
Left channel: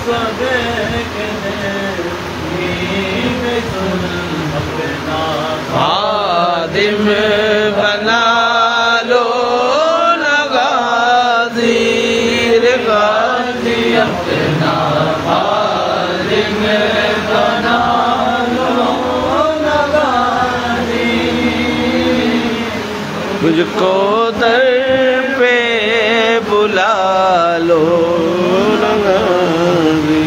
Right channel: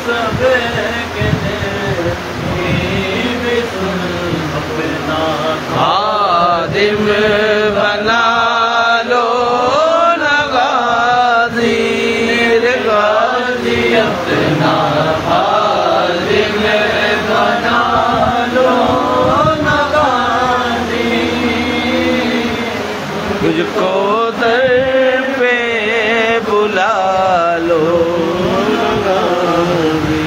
سب کے اپنا خادم بنا لو غازی غازی اپنا خادم بنا لو غازی مجھ کو در پہ بلا لو غازی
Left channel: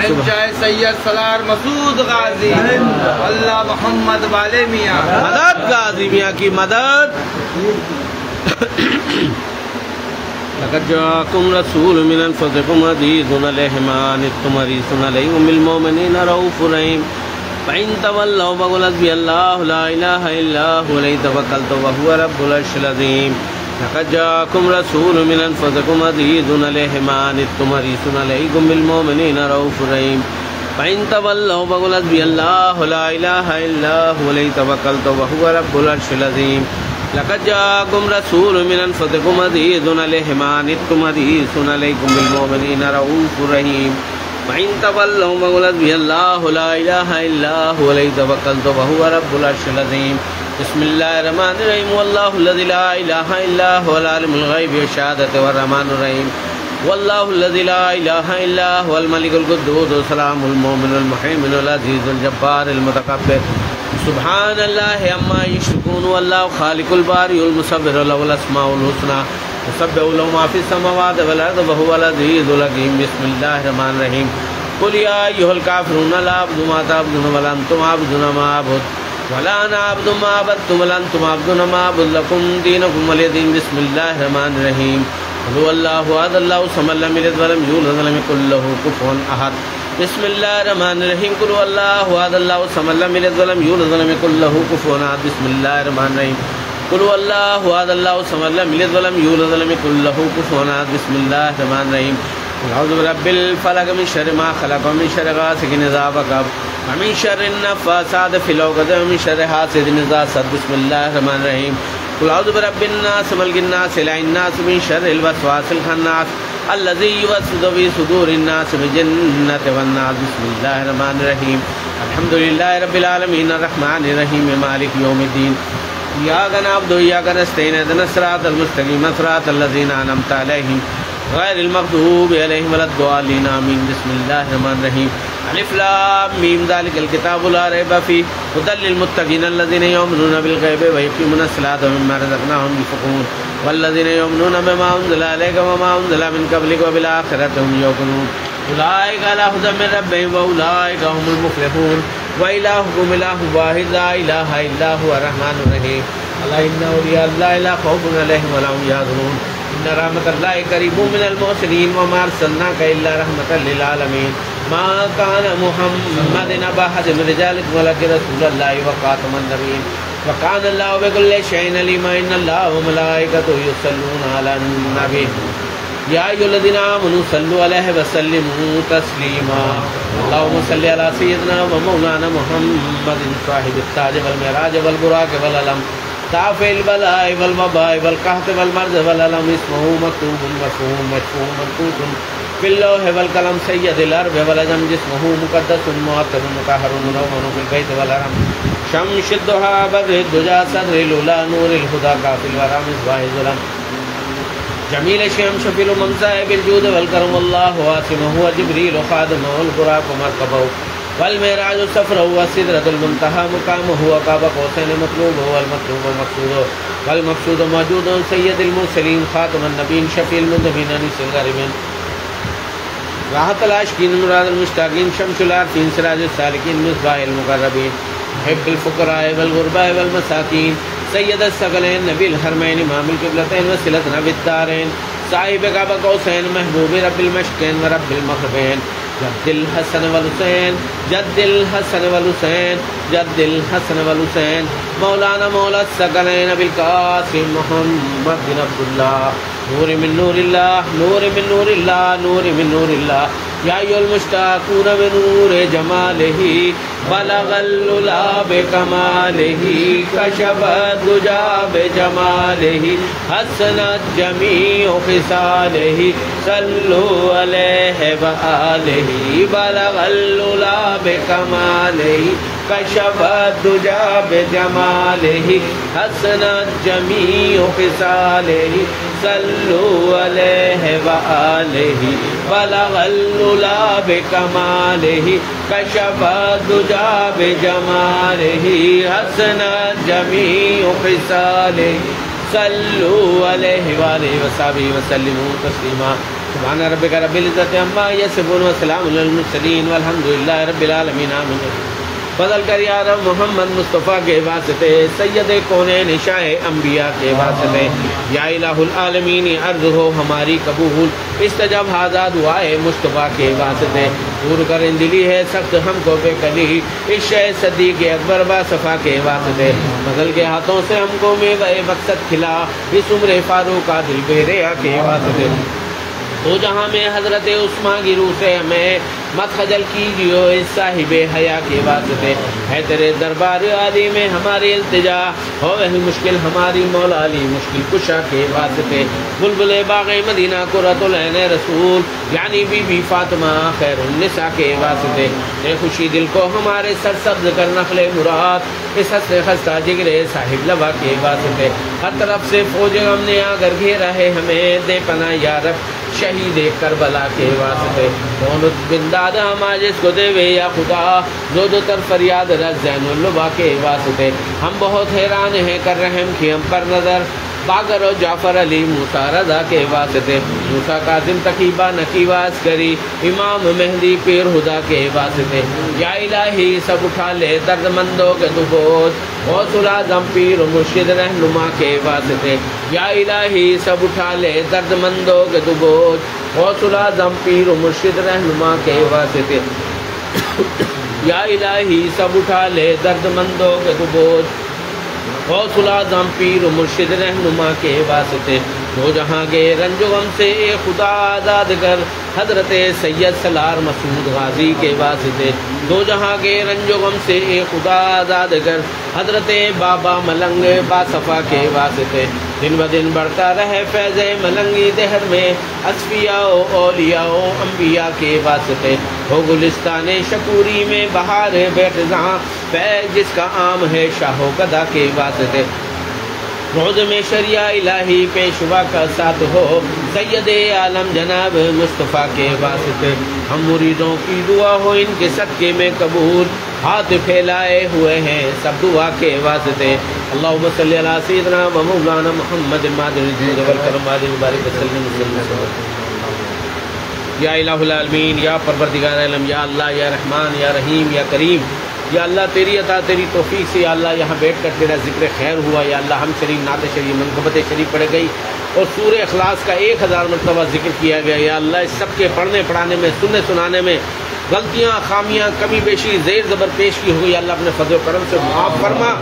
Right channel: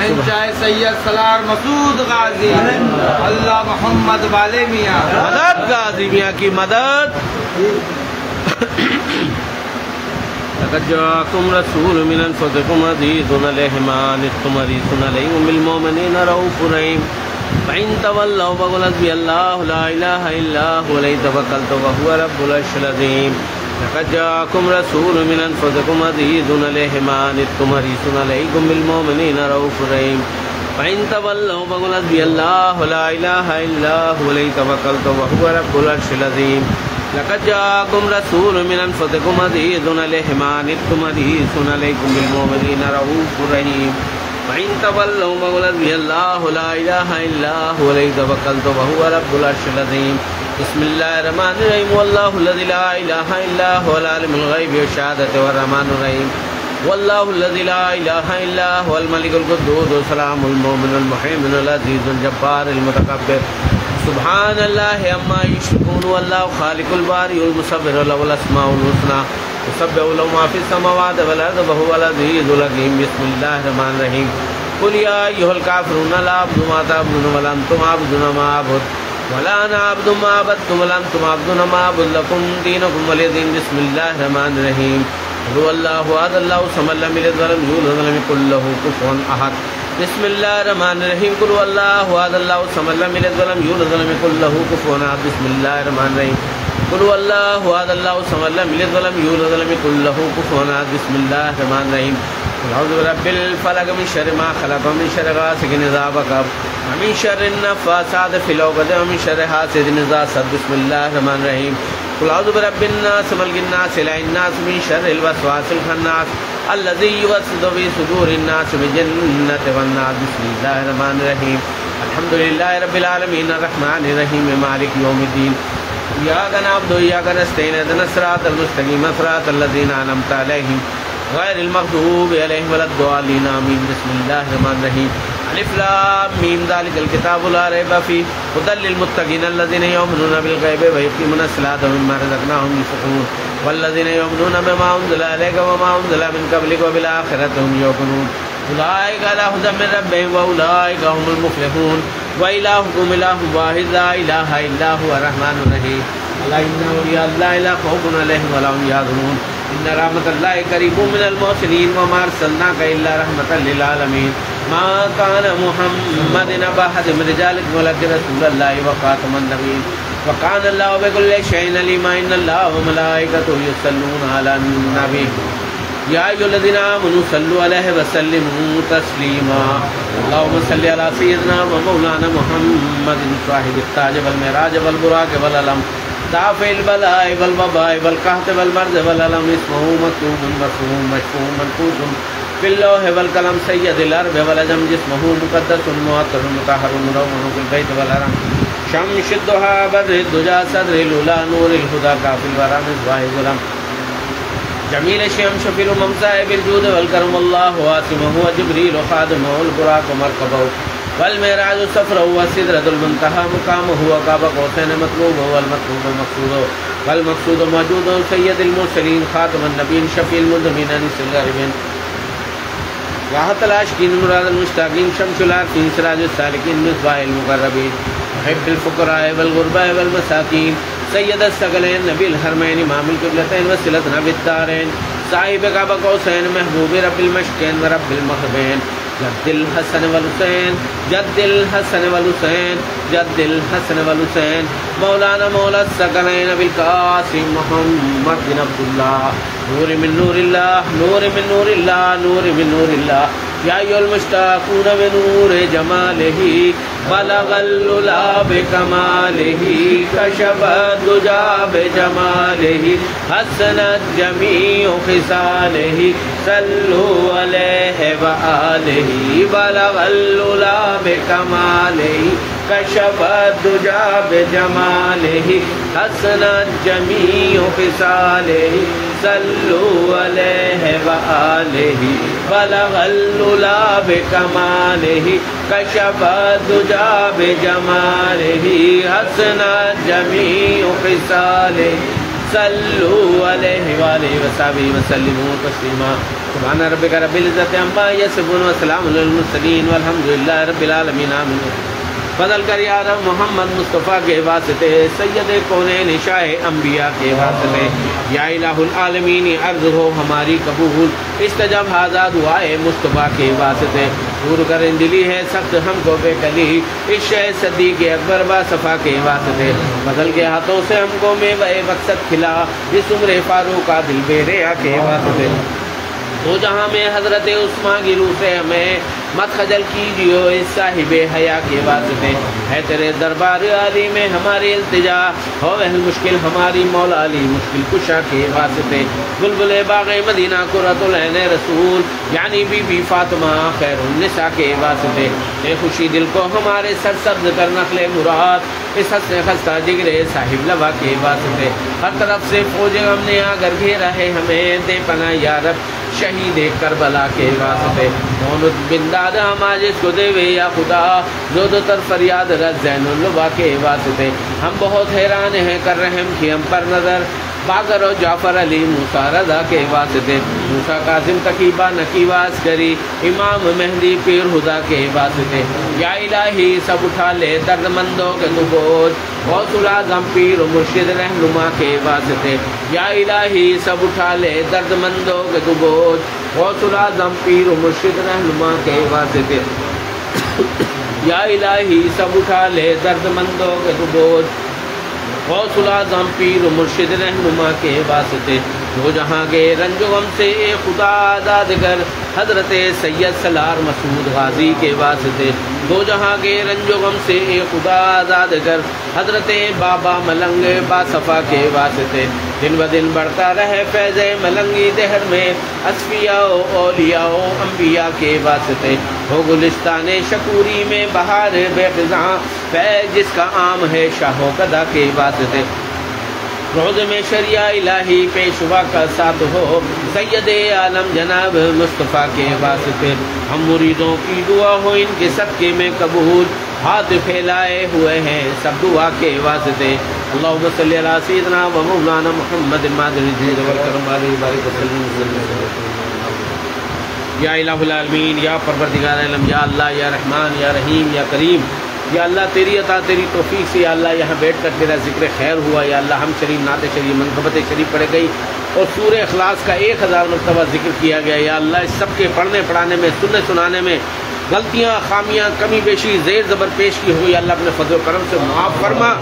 شہنشاہ سید سلار مسعود غازی اللہ محمد والے میاں مدد غازی میاں کی مدد. لقد جاءكم رسول من انفسكم عزيز عليه ما عنتم حريص عليكم بالمؤمنين رؤوف رحيم فإن تولوا فقل حسبي الله لا إله إلا هو عليه توكلت وهو رب العرش العظيم. لقد جاءكم رسول من أنفسكم عزيز عليه ما عنتم حريص عليكم بالمؤمنين رؤوف رحيم فإن تولوا فقل حسبي الله لا إله إلا هو عليه توكلت وهو رب العرش العظيم. لقد جاءكم رسول من أنفسكم عزيز عليه ما عنتم حريص عليكم بالمؤمنين رؤوف رحيم فإن تولوا فقل حسبي الله لا إله إلا هو عليه توكلت وهو رب العرش العظيم. بسم الله الرحمن الرحيم والله الذي لا إله إلا هو العالم الغيب والشهادة والرحمن الرحيم والله الذي لا إله إلا هو الملك القدوس السلام المؤمن المهيمن العزيز الجبار المتكبر سبحان الله عما يشركون والله خالق البارئ المصور له الأسماء الحسنى يسبح له ما في السماوات والأرض وهو العزيز الحكيم. بسم الله الرحمن الرحيم قل يا أيها الكافرون لا أعبد ما تعبدون ولا أنتم عابدون ما أعبد ولا أنا عبد ما عبدتم ولا أنتم عابدون ما أعبد لكم دينكم ولي دين. بسم الله الرحمن الرحيم قل هو الله أحد الله الصمد لم يلد ولم يولد ولم يكن له كفوا أحد. بسم الله الرحمن الرحيم قل هو الله أحد الله الصمد لم يلد ولم يولد ولم يكن له كفوا أحد. بسم الله الرحمن الرحيم قل هو الله أحد الله الصمد لم يلد ولم يولد ولم يكن له كفوا أحد. بسم الله الرحمن الرحيم قل أعوذ برب الفلق من شر ما خلق ومن شر غاسق إذا وقب ومن شر النفاثات في العقد ومن شر حاسد إذا حسد. بسم الله الرحمن الرحيم قل أعوذ برب الناس ملك الناس إله الناس من شر الوسواس الخناس الذي يوسوس في صدور الناس من الجنة والنار. بسم الله الرحمن الرحيم الحمد لله رب العالمين الرحمن الرحيم مالك يوم الدين إياك نعبد وإياك نستعين اهدنا الصراط المستقيم صراط الذين أنعمت عليهم غير المغضوب عليهم ولا الضالين آمين. بسم الله الرحمن الرحيم الف لام میم ذلك الكتاب لا ريب فيه هدى للمتقين الذين يؤمنون بالغيب ويقيمون الصلاة ومما رزقناهم ينفقون والذين يؤمنون بما أنزل إليك وما أنزل من قبلك وبالآخرة هم يوقنون أولئك على هدى من ربهم وأولئك هم المفلحون وإلهكم إله واحد لا إله إلا هو الرحمن الرحيم. ألا إن أولياء الله لا خوف عليهم ولا هم يحزنون إن رحمة الله قريب من المحسنين وما أرسلناك إلا رحمة للعالمين. ما كان محمد أبا أحد من رجالكم ولكن رسول الله وخاتم النبيين وكان الله بكل شيء عليما. إن الله وملائكته يصلون على النبي يا أيها الذين آمنوا صلوا عليه وسلموا تسليما. اللهم صل على سيدنا ومولانا محمد صاحب التاج والمعراج والبراق والعلم دافع البلاء والوباء والقحط والمرض والألم اسمه مكتوب مرفوع مشفوع منقوط في اللوح والقلم سيد الأرض والعجم جسمه مقدس معطر مطهر مدون في البيت والحرم شمس الضحى بدر الدجى صدر الأولى نور الهدى كافي الورى مصباح الظلم جميل الشام شفيع الأمم صاحب الجود والكرم الله واسمه وجبريل وخادمه البراق ومركبه والمعراج سفره والسدرة المنتهى مقامه وقاب قوسين مطلوبه والمطلوب مقصوده والمقصود موجود سيد المرسلين خاتم النبيين شفيع المذنبين أنيس الغاربين راحة العاشقين مراد المشتاقين شمس العارفين سراج السالكين مصباح المقربين محب الفقراء والغرباء والمساكين سيد الثقلين نبي الحرمين إمام القبلتين وسيلتنا بالدارين صاحب قاب قوسين محبوب رب المشرقين ورب المغربين جد الحسن والحسين جد الحسن والحسين جد الحسن والحسين مولانا مولا الثقلين بالقاسم محمد بن عبد الله نور من نور الله نور من نور الله نور من نور الله يا أيها المشتاقون بنور جماله بلغ العلا بكماله كشف الدجى بجماله حسنت جميع خصاله صلوا عليه وآله بلغ العلا بكماله كشف الدجى بجماله حسنت جميع خصاله صلوا عليه وآله بلغ العلا بكماله كشف الدجى بجماله حسنت جميع خصاله صلوا عليه وآله وصحبه وسلموا تسليما. سبحان ربک رب العزت عما یصفون وسلام علی المرسلین والحمد للہ رب العالمین آمین. فضل کر یا رب محمد مصطفیٰ کے واسطے، سید کونین شاہ انبیاء کے واسطے، یا الہ العالمین عرض ہو ہماری قبول، استجب ہذا دعائے مصطفیٰ کے واسطے، دور کر دلی ہے سخت ہم کو بے کلی، اس شہ صدیق اکبر با صفا کے واسطے، فضل کے ہاتھوں سے ہم کو میوہ مقصد کھلا، اس عمر فاروق کا دل بے ریا کے واسطے، تو جہاں میں حضرت عثمان کی روح سے ہمیں مت خجل کیجیے اس صاحب حیا کے واسطے، ہے تیرے دربار عالی میں ہماری التجا، ہو اہل مشکل ہماری مولا علی مشکل کشا کے واسطے، بلبل باغ مدینہ قرۃ العین رسول یعنی بی بی فاطمہ خیر النساء کے واسطے، اے خوشی دل کو ہمارے سر سبز کر نخل مراد، اس حسن خستہ جگرے صاحب لوا کے واسطے، ہر طرف سے فوج غم نے آ کر گھیرا ہے ہمیں، دے پناہ یا رب شہید کربلا کے واسطے، کون بنداد ہم آج اس کو دے وے یا خدا، جو دو تر فریاد رد زین اللبا کے واسطے، ہم بہت حیران ہیں کر رحم کی ہم پر نظر، باقر و جعفر علی موسیٰ رضا کے واسطے، موسیٰ کاظم تقیبہ نقیواز کری، امام مہدی پیر خدا کے واسطے، یا الہی سب اٹھا لے درد مندوں کے تو بوجھ، غوث الاعظم پیر و مرشد رہنما کے واسطے، یا الہی سب اٹھا لے درد مندوں کے تو بوجھ، غوث الاعظم پیر و مرشد رہنما کے واسطے، یا الہی سب اٹھا لے درد مندوں کے تو بوجھ، غوث الاعظم پیر و مرشد رہنما کے واسطے، جو جہاں کے رنج و غم سے اے خدا آزاد کر، حضرت سید سلار مسعود غازی کے واسطے، دو جہاں کے رنج و غم سے اے خدا آزاد کر، حضرت بابا ملنگ با صفا کے واسطے، دن بدن بڑھتا رہے فیض ملنگی دہر میں، اصفیاء و اولیاء و انبیاء کے واسطے، ہو گلستان شکوری میں بہار بے خزاں، فیض جس کا عام ہے شاہ و گدا کے واسطے، روز میں شریعہ الہی پیشوا کا ساتھ ہو، سید عالم جناب مصطفیٰ کے واسطے، ہم مریدوں کی دعا ہو ان کے صدقے میں قبول، ہاتھ پھیلائے ہوئے ہیں سب دعا کے واسطے، اللہم صلی علی سیدنا و مولانا محمد المادن الجود والکرم علیہ وبارک وسلم، یا الہ العالمین یا پروردگار عالم، یا اللہ یا رحمان یا رحیم یا کریم، یا اللہ تیری عطا تیری توفیق سے یا اللہ یہاں بیٹھ کر تیرا ذکر خیر ہوا، یا اللہ ہم شریف نعت شریف منقبت شریف پڑھ گئی اور سورہ اخلاص کا 1000 مرتبہ ذکر کیا گیا، یا اللہ اس سب کے پڑھنے پڑھانے میں سننے سنانے میں غلطیاں خامیاں کمی بیشی زیر زبر پیش کی ہوئی، اللہ اپنے فضل و کرم سے معاف فرما،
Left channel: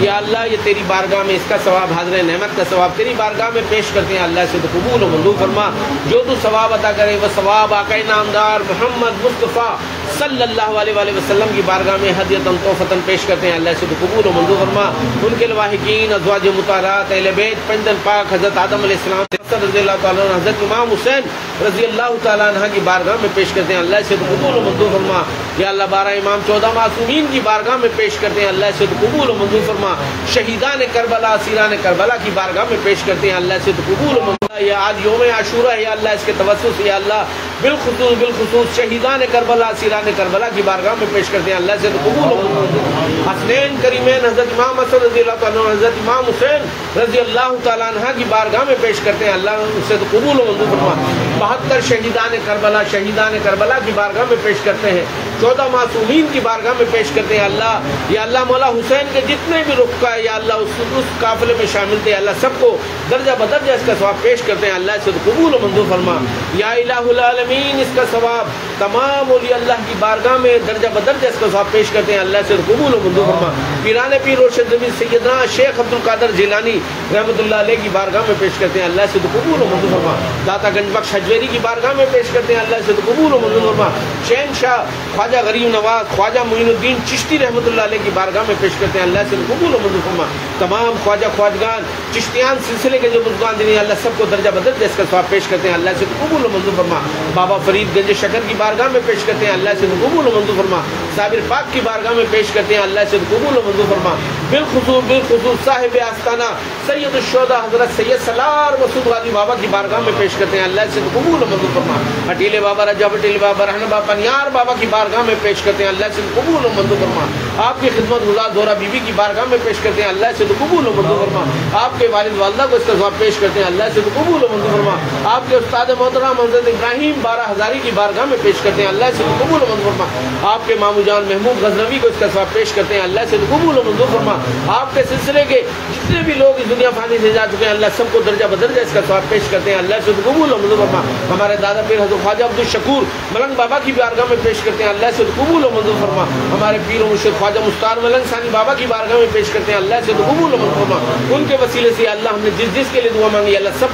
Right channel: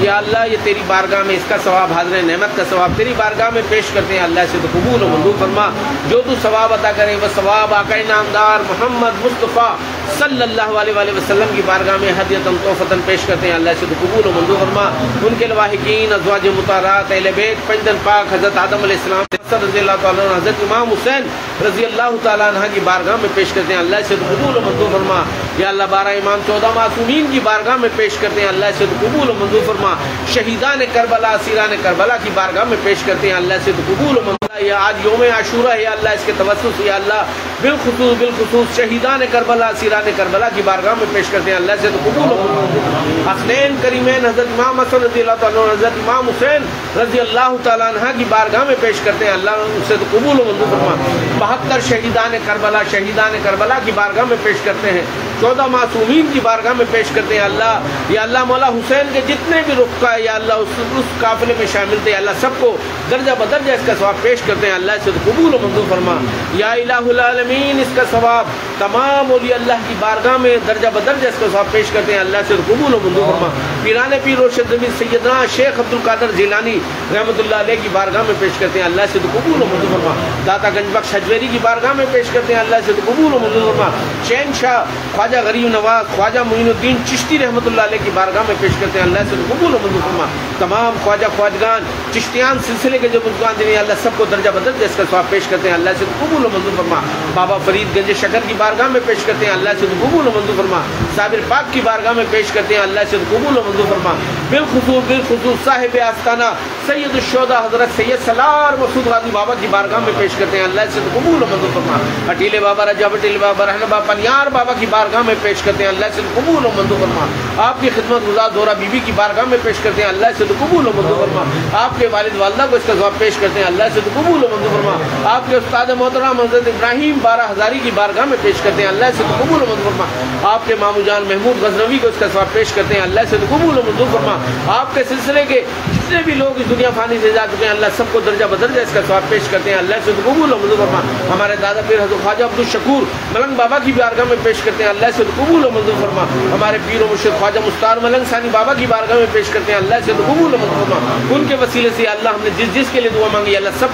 یا اللہ یہ تیری بارگاہ میں اس کا ثواب حاضر نعمت کا ثواب تیری بارگاہ میں پیش کرتے ہیں، اللہ سے تو قبول و منظور فرما، جو تو ثواب عطا کرے وہ ثواب آقا نامدار محمد مصطفیٰ صلی اللہ علیہ وآلہ وسلم کی بارگاہ میں ہدیۃً تحفۃً پیش کرتے ہیں، اللہ سے تو قبول و منظور فرما، ان کے لواحقین ازواج مطہرات اہل بیت پنجن پاک حضرت آدم علیہ السلام رضی اللہ تعالیٰ عنہ، حضرت امام حسین رضی اللہ تعالیٰ عنہ کی بارگاہ میں پیش کرتے ہیں، اللہ سے تو قبول و منظور فرما، یا اللہ 12 امام 14 معصومین کی بارگاہ میں پیش کرتے ہیں، اللہ سے تو قبول و منظور فرما، شہیدان کربلا اسیران کربلا کی بارگاہ میں پیش کرتے ہیں، اللہ سے تو قبول و منظور، یا آج یوم عاشورہ ہے یا اللہ اس کے توسط سے یا اللہ بالخصوص شہیدان کربلا اسیران کربلا کی بارگاہ میں پیش کرتے ہیں، اللہ سے تو قبول و منظور، حسنین کریمین حضرت امام حسن رضی اللہ تعالیٰ عنہ حضرت امام حسین رضی اللہ تعالیٰ عنہ کی بارگاہ میں پیش کرتے ہیں، اللہ سے تو قبول و منظور فرما، 72 شہیدان کربلا کی بارگاہ میں پیش کرتے ہیں، 14 معصومین کی بارگاہ میں پیش کرتے ہیں، اللہ یا اللہ مولا حسین کے جتنے بھی رفقا ہے یا اللہ اس قافلے میں شامل تھے، اللہ سب کو درجہ بدرجہ اس کا ثواب پیش کرتے ہیں، اللہ سے تو قبول و منظور فرما، یا الہ العالمین اس کا ثواب تمام اولیاء اللہ کی بارگاہ میں درجہ بدرجہ اس کا ثواب پیش کرتے ہیں، اللہ سے تو قبول و منظور فرما، پیران پیر روشن نبی سیدنا شیخ عبد القادر جیلانی رحمۃ اللہ علیہ کی بارگاہ میں پیش کرتے ہیں، اللہ سے تو قبول و منظور فرما، داتا گنج بخش حجویری کی بارگاہ میں پیش کرتے ہیں، اللہ سے تو قبول و منظور فرما، چین شاہ خواجہ غریب نواز خواجہ معین الدین چشتی رحمۃ اللہ علیہ کی بارگاہ میں پیش کرتے ہیں، اللہ سے قبول و منظور فرما، تمام خواجہ خواجگان چشتیان سلسلے کے جو بزرگان دینی اللہ سب کو درجہ بدرجہ اس کا ثواب پیش کرتے ہیں، اللہ سے قبول و منظور فرما، بابا فرید گنج شکر کی بارگاہ میں پیش کرتے ہیں، اللہ سے قبول و منظور فرما، صابر پاک کی بارگاہ میں پیش کرتے ہیں، اللہ سے قبول و منظور فرما، بالخصوص صاحب آستانہ سید الشہداء حضرت سید سلار مسعود غازی بابا کی بارگاہ میں پیش کرتے ہیں، اللہ سے قبول و منظور فرما۔ اٹیلے بابا رجب اٹیلے بابا رہن بابا پنیار بابا کی بارگاہ میں پیش کرتے ہیں، اللہ سے قبول و منظور فرما۔ آپ کی خدمت گزار دورہ بی بی کی بارگاہ میں پیش کرتے ہیں، اللہ سے قبول و منظور فرما۔ آپ کے والد والدہ کو اس کا ثواب پیش کرتے ہیں، اللہ سے قبول و منظور فرما۔ آپ کے استاد محترم حضرت ابراہیم بارہ ہزاری کی بارگاہ میں پیش کرتے ہیں، اللہ سے قبول و منظور فرما۔ آپ کے مامو جان محمود غزنوی کو اس کا ثواب پیش کرتے ہیں، اللہ سے قبول و منظور فرما۔ آپ کے سلسلے کے جتنے بھی لوگ اس دنیا فانی سے جا چکے ہیں، اللہ سب کو درجہ بدرجہ اس کا ثواب پیش کرتے ہیں، اللہ سے قبول و منظور فرما۔ ہمارے دادا پیر حضرت خواجہ عبد الشکور ملنگ بابا کی بارگاہ میں پیش کرتے ہیں، اللہ سے قبول و منظور فرما۔ ہمارے پیر و مرشد خواجہ مختار ملنگ ثانی بابا کی بارگاہ میں پیش کرتے ہیں، اللہ سے قبول و منظور فرما۔ ان کے وسیلے سے اللہ ہم نے جس کے لیے دعا مانگی، اللہ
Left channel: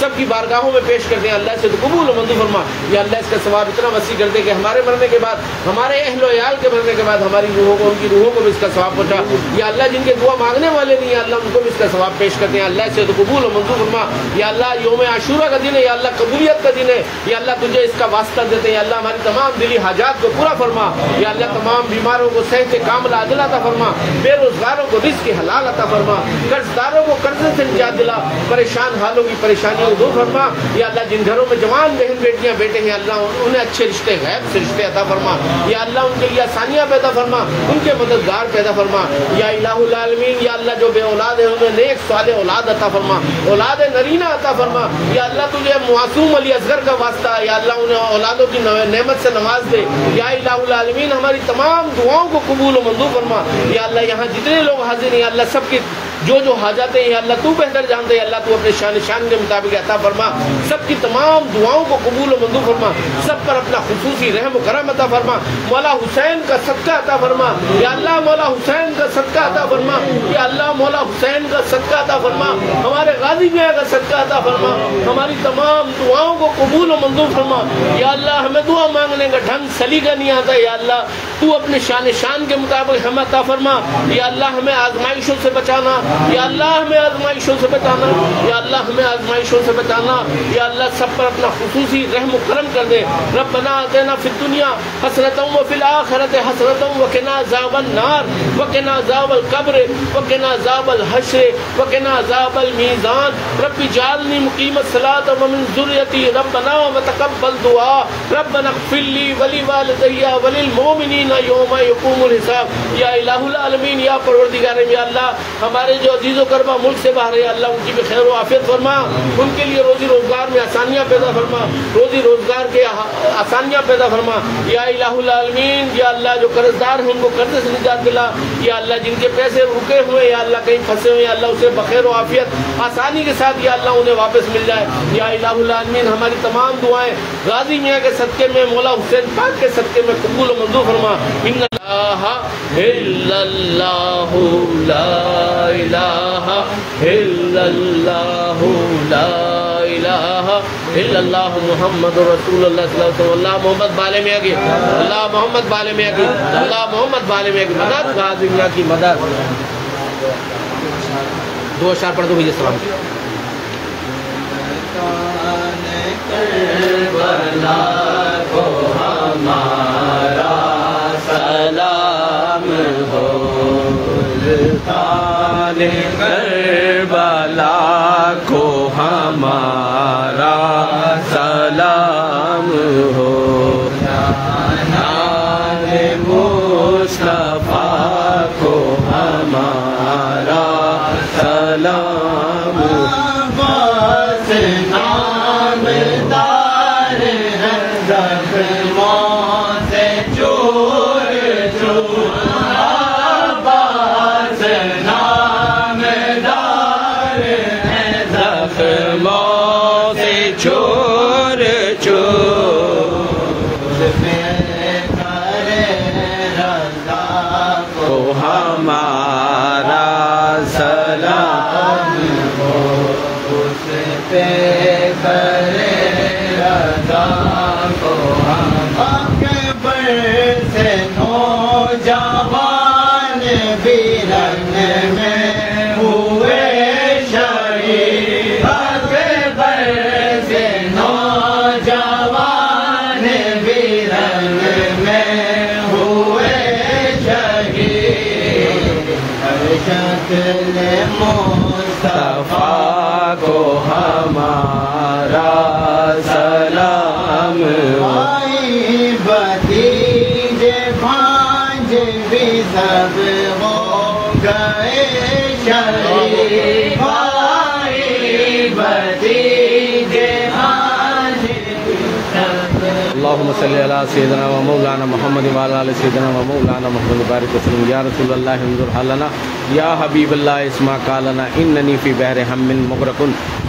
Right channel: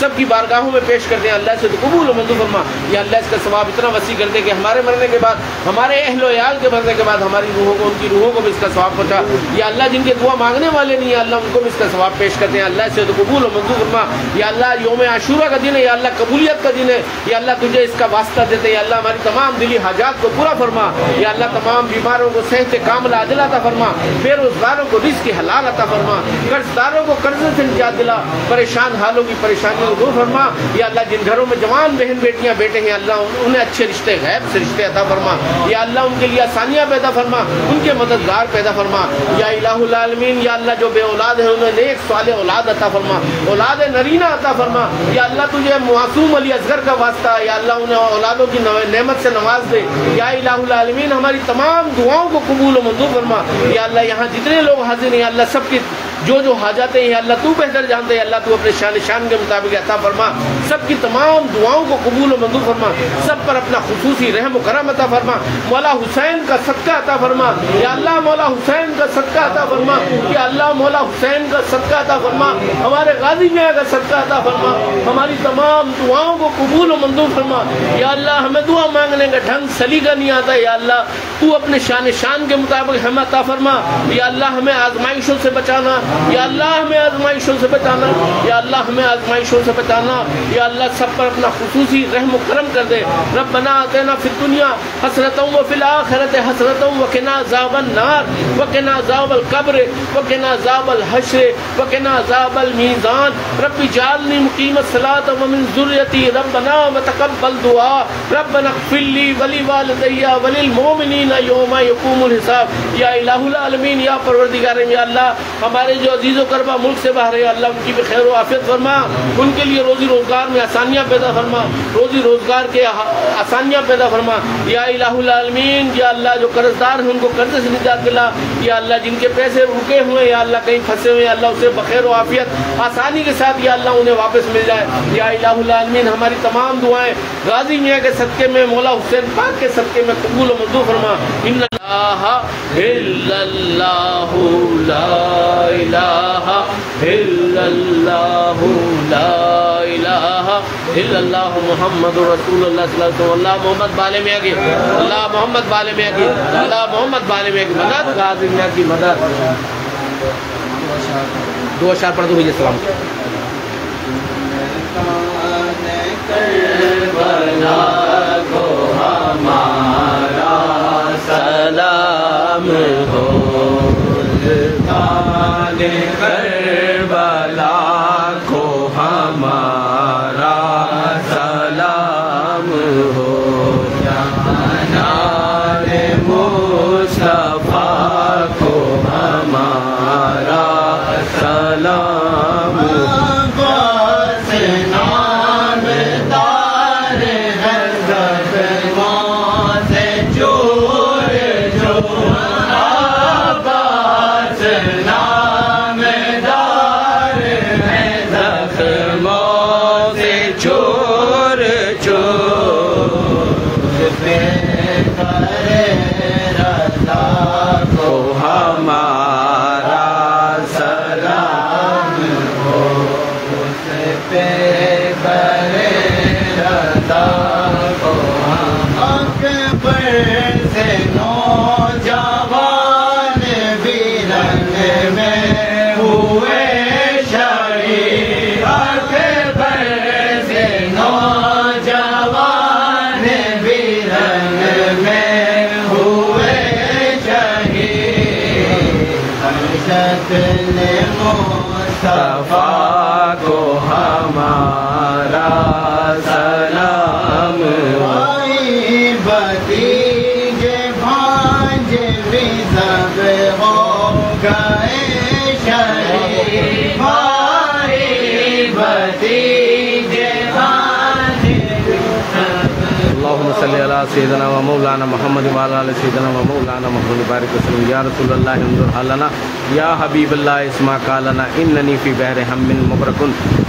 سب کی بارگاہوں میں پیش کرتے ہیں، اللہ سے قبول و منظور فرما۔ یا اللہ اس کا ثواب اتنا وسیع کر دے کہ ہمارے مرنے کے بعد، ہمارے اہل و عیال کے مرنے کے بعد ہماری روحوں کو، ان کی روحوں کو بھی اس کا ثواب پہنچا۔ یا اللہ جن کے دعا مانگنے والے نہیں ہیں، اللہ ان کو بھی اس کا ثواب پیش کرتے ہیں، اللہ سے قبول و منظور فرما۔ یا اللہ یوم عاشورہ کا دن ہے، یا اللہ قبولیت کا دن ہے، یا اللہ تجھے اس کا واسطہ دیتے ہیں، یا اللہ ہماری تمام دلی حاجات کو پورا فرما۔ یا اللہ تمام بیماروں کو صحت کاملہ عاجلہ عطا فرما، بے روزگاروں کو رزق حلال عطا فرما، قرض داروں کو قرضے سے نجات دلا، پریشان حالوں کی پریشانیوں کو دور فرما۔ یا اللہ جن گھروں میں جوان بہن بیٹیاں بیٹے ہیں، اللہ انہیں اچھے رشتے غیب سے رشتے عطا فرما۔ یا اللہ ان کے لیے آسانیاں پیدا فرما، ان کے مددگار پیدا فرما۔ یا الہ العالمین، یا اللہ جو بے اولاد ہے انہیں نیک صالح اولاد عطا فرما، اولاد نرینہ عطا فرما۔ یا اللہ تجھے معصوم علی اصغر کا واسطہ ہے، یا اللہ انہیں اولادوں کی نعمت سے نواز دے۔ یا الہ العالمین ہماری تمام دعاؤں کو قبول و منظور فرما۔ یا اللہ یہاں جتنے لوگ حاضر ہیں، اللہ سب کی جو حاجتیں ہیں، اللہ تو بہتر جانتے ہیں، اللہ تو اپنے شان کے مطابق عطا فرما۔ سب کی تمام دعاؤں کو قبول و منظور فرما، سب پر اپنا خصوصی رحم و کرم عطا فرما۔ مولا حسین کا صدقہ عطا فرما، یا اللہ مولا حسین کا صدقہ عطا فرما، یا اللہ مولا حسین کا صدقہ عطا فرما، ہمارے غازی میاں کا صدقہ عطا فرما، ہماری تمام دعاؤں کو قبول و منظور فرما۔ یا اللہ ہمیں دعا مانگنے کا ڈھنگ سلیقہ نہیں آتا، یا اللہ تو اپنے شان کے مطابق ہمیں عطا فرما۔ یا اللہ ہمیں آزمائشوں سے بچانا، یا اللہ ہمیں آزمائشوں سے بچانا، یا اللہ ہمیں آزمائشوں سے بچانا۔ یا اللہ سب پر اپنا خصوصی رحم و کرم کر دے۔ ربنا آتنا فی الدنیا حسنۃ وفی الآخرۃ حسنۃ وقنا عذاب النار وقنا عذاب القبر وقنا عذاب الحشر وقنا عذاب المیزان۔ رب اجعلنی مقیم الصلاۃ ومن ذریتی ربنا وتقبل دعاء ربنا اغفر لی ولوالدی وللمؤمنین یوم یقوم الحساب۔ یا الہ العالمین، یا پروردگار یا اللہ ہمارے جو عزیز و کربا ملک سے باہر ہے، اللہ ان کی بھی خیر و عافیت فرما، ان کے لیے روزی روزگار میں آسانیاں پیدا فرما، روزی روزگار کے آسانیاں پیدا فرما۔ یا الہ العالمین، یا اللہ جو قرض دار ہیں ان کو قرض سے نجات دلا، یا اللہ جن کے پیسے رکے ہوئے، یا اللہ کہیں پھنسے ہوئے، اللہ اسے بخیر و عافیت آسانی کے ساتھ یا اللہ انہیں واپس مل جائے۔ یا الہ العالمین ہماری تمام دعائیں غازی میاں کے صدقے میں، مولا حسین پاک کے صدقے میں قبول و منظور فرما۔ ان الہ الا اللہ لا الہ الا اللہ لا الہ الا اللہ محمد رسول اللہ صلی اللہ علیہ وسلم۔ اللہ محمد بالے میاں کی، اللہ محمد بالے میاں کی، اللہ محمد بالے میاں کی مدد، غازی میاں کی مدد۔ دو اشعار پڑھ دو بھائی السلام کی۔ کربلا کو ہمارا سلام ہو، کربلا کو ہمارا سلام ہو، مصطفیٰ کو ہمارا سلام ہو۔ ہمارا سلام ہو، اس پہ کرے رضا کو ہم اکبر سے نوجوان بھی رنگ میں ہوئے شریف، اکبر سے اللهم صل على سيدنا ومولانا محمد وعلى آل سيدنا ومولانا محمد بارك وسلم يا رسول الله انظر حالنا يا حبيب الله اسمع قالنا انني في بحر هم مغرق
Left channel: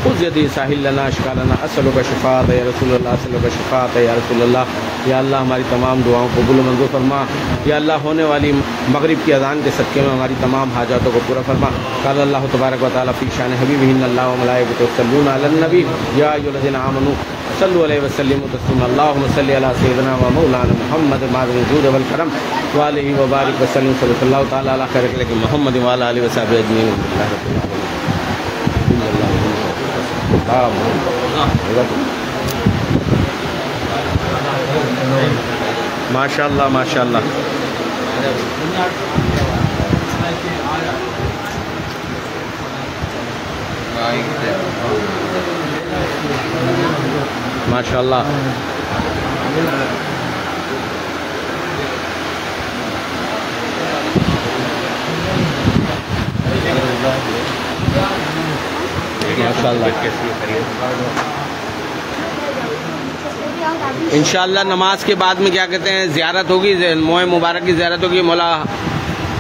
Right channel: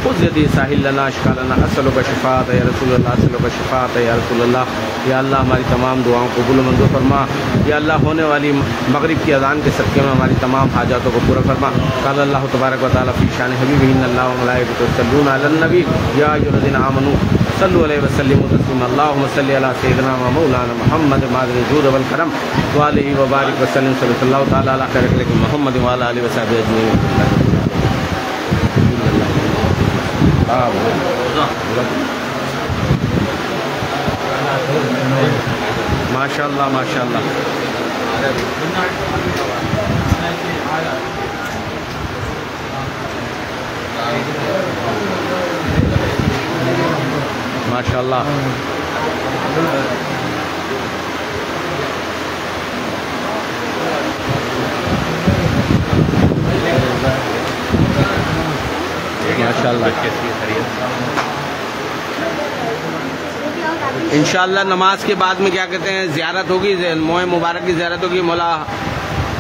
خذ يدي ساحل لنا اشكالنا اسالك شفاعت يا رسول الله اسالك شفاعت يا رسول الله یا اللہ ہماری تمام دعاؤں کو قبول و منظور فرما. یا اللہ ہونے والی مغرب کی اذان کے صدقے میں ہماری تمام حاجاتوں کو پورا فرما. قال اللہ تبارک و تعالی فی شان حبیبہ ان اللہ و ملائکۃ یصلون علی النبی یا ایھا الذین آمنوا صلوا علیہ وسلموا تسلیما. اللهم صل علی سیدنا و مولانا محمد معدن الجود والکرم وعلیہ وبارک وسلم صلی اللہ تعالی علی خیر خلق محمد وعلی آلہ وصحبہ اجمعین. ماشاء اللہ ماشاء اللہ. ماشاء اللہ. ماشاء اللہ. انشاءاللہ نماز کے بعد میں کیا کہتے ہیں زیارت ہوگی, موئے مبارک کی زیارت ہوگی. مولا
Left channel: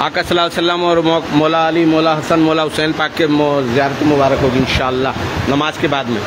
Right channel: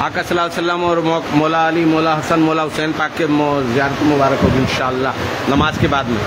آقا صلی اللہ علیہ وسلم اور مولا علی, مولا حسن, مولا حسین پاک کے زیارت مبارک ہوگی انشاءاللہ نماز کے بعد میں.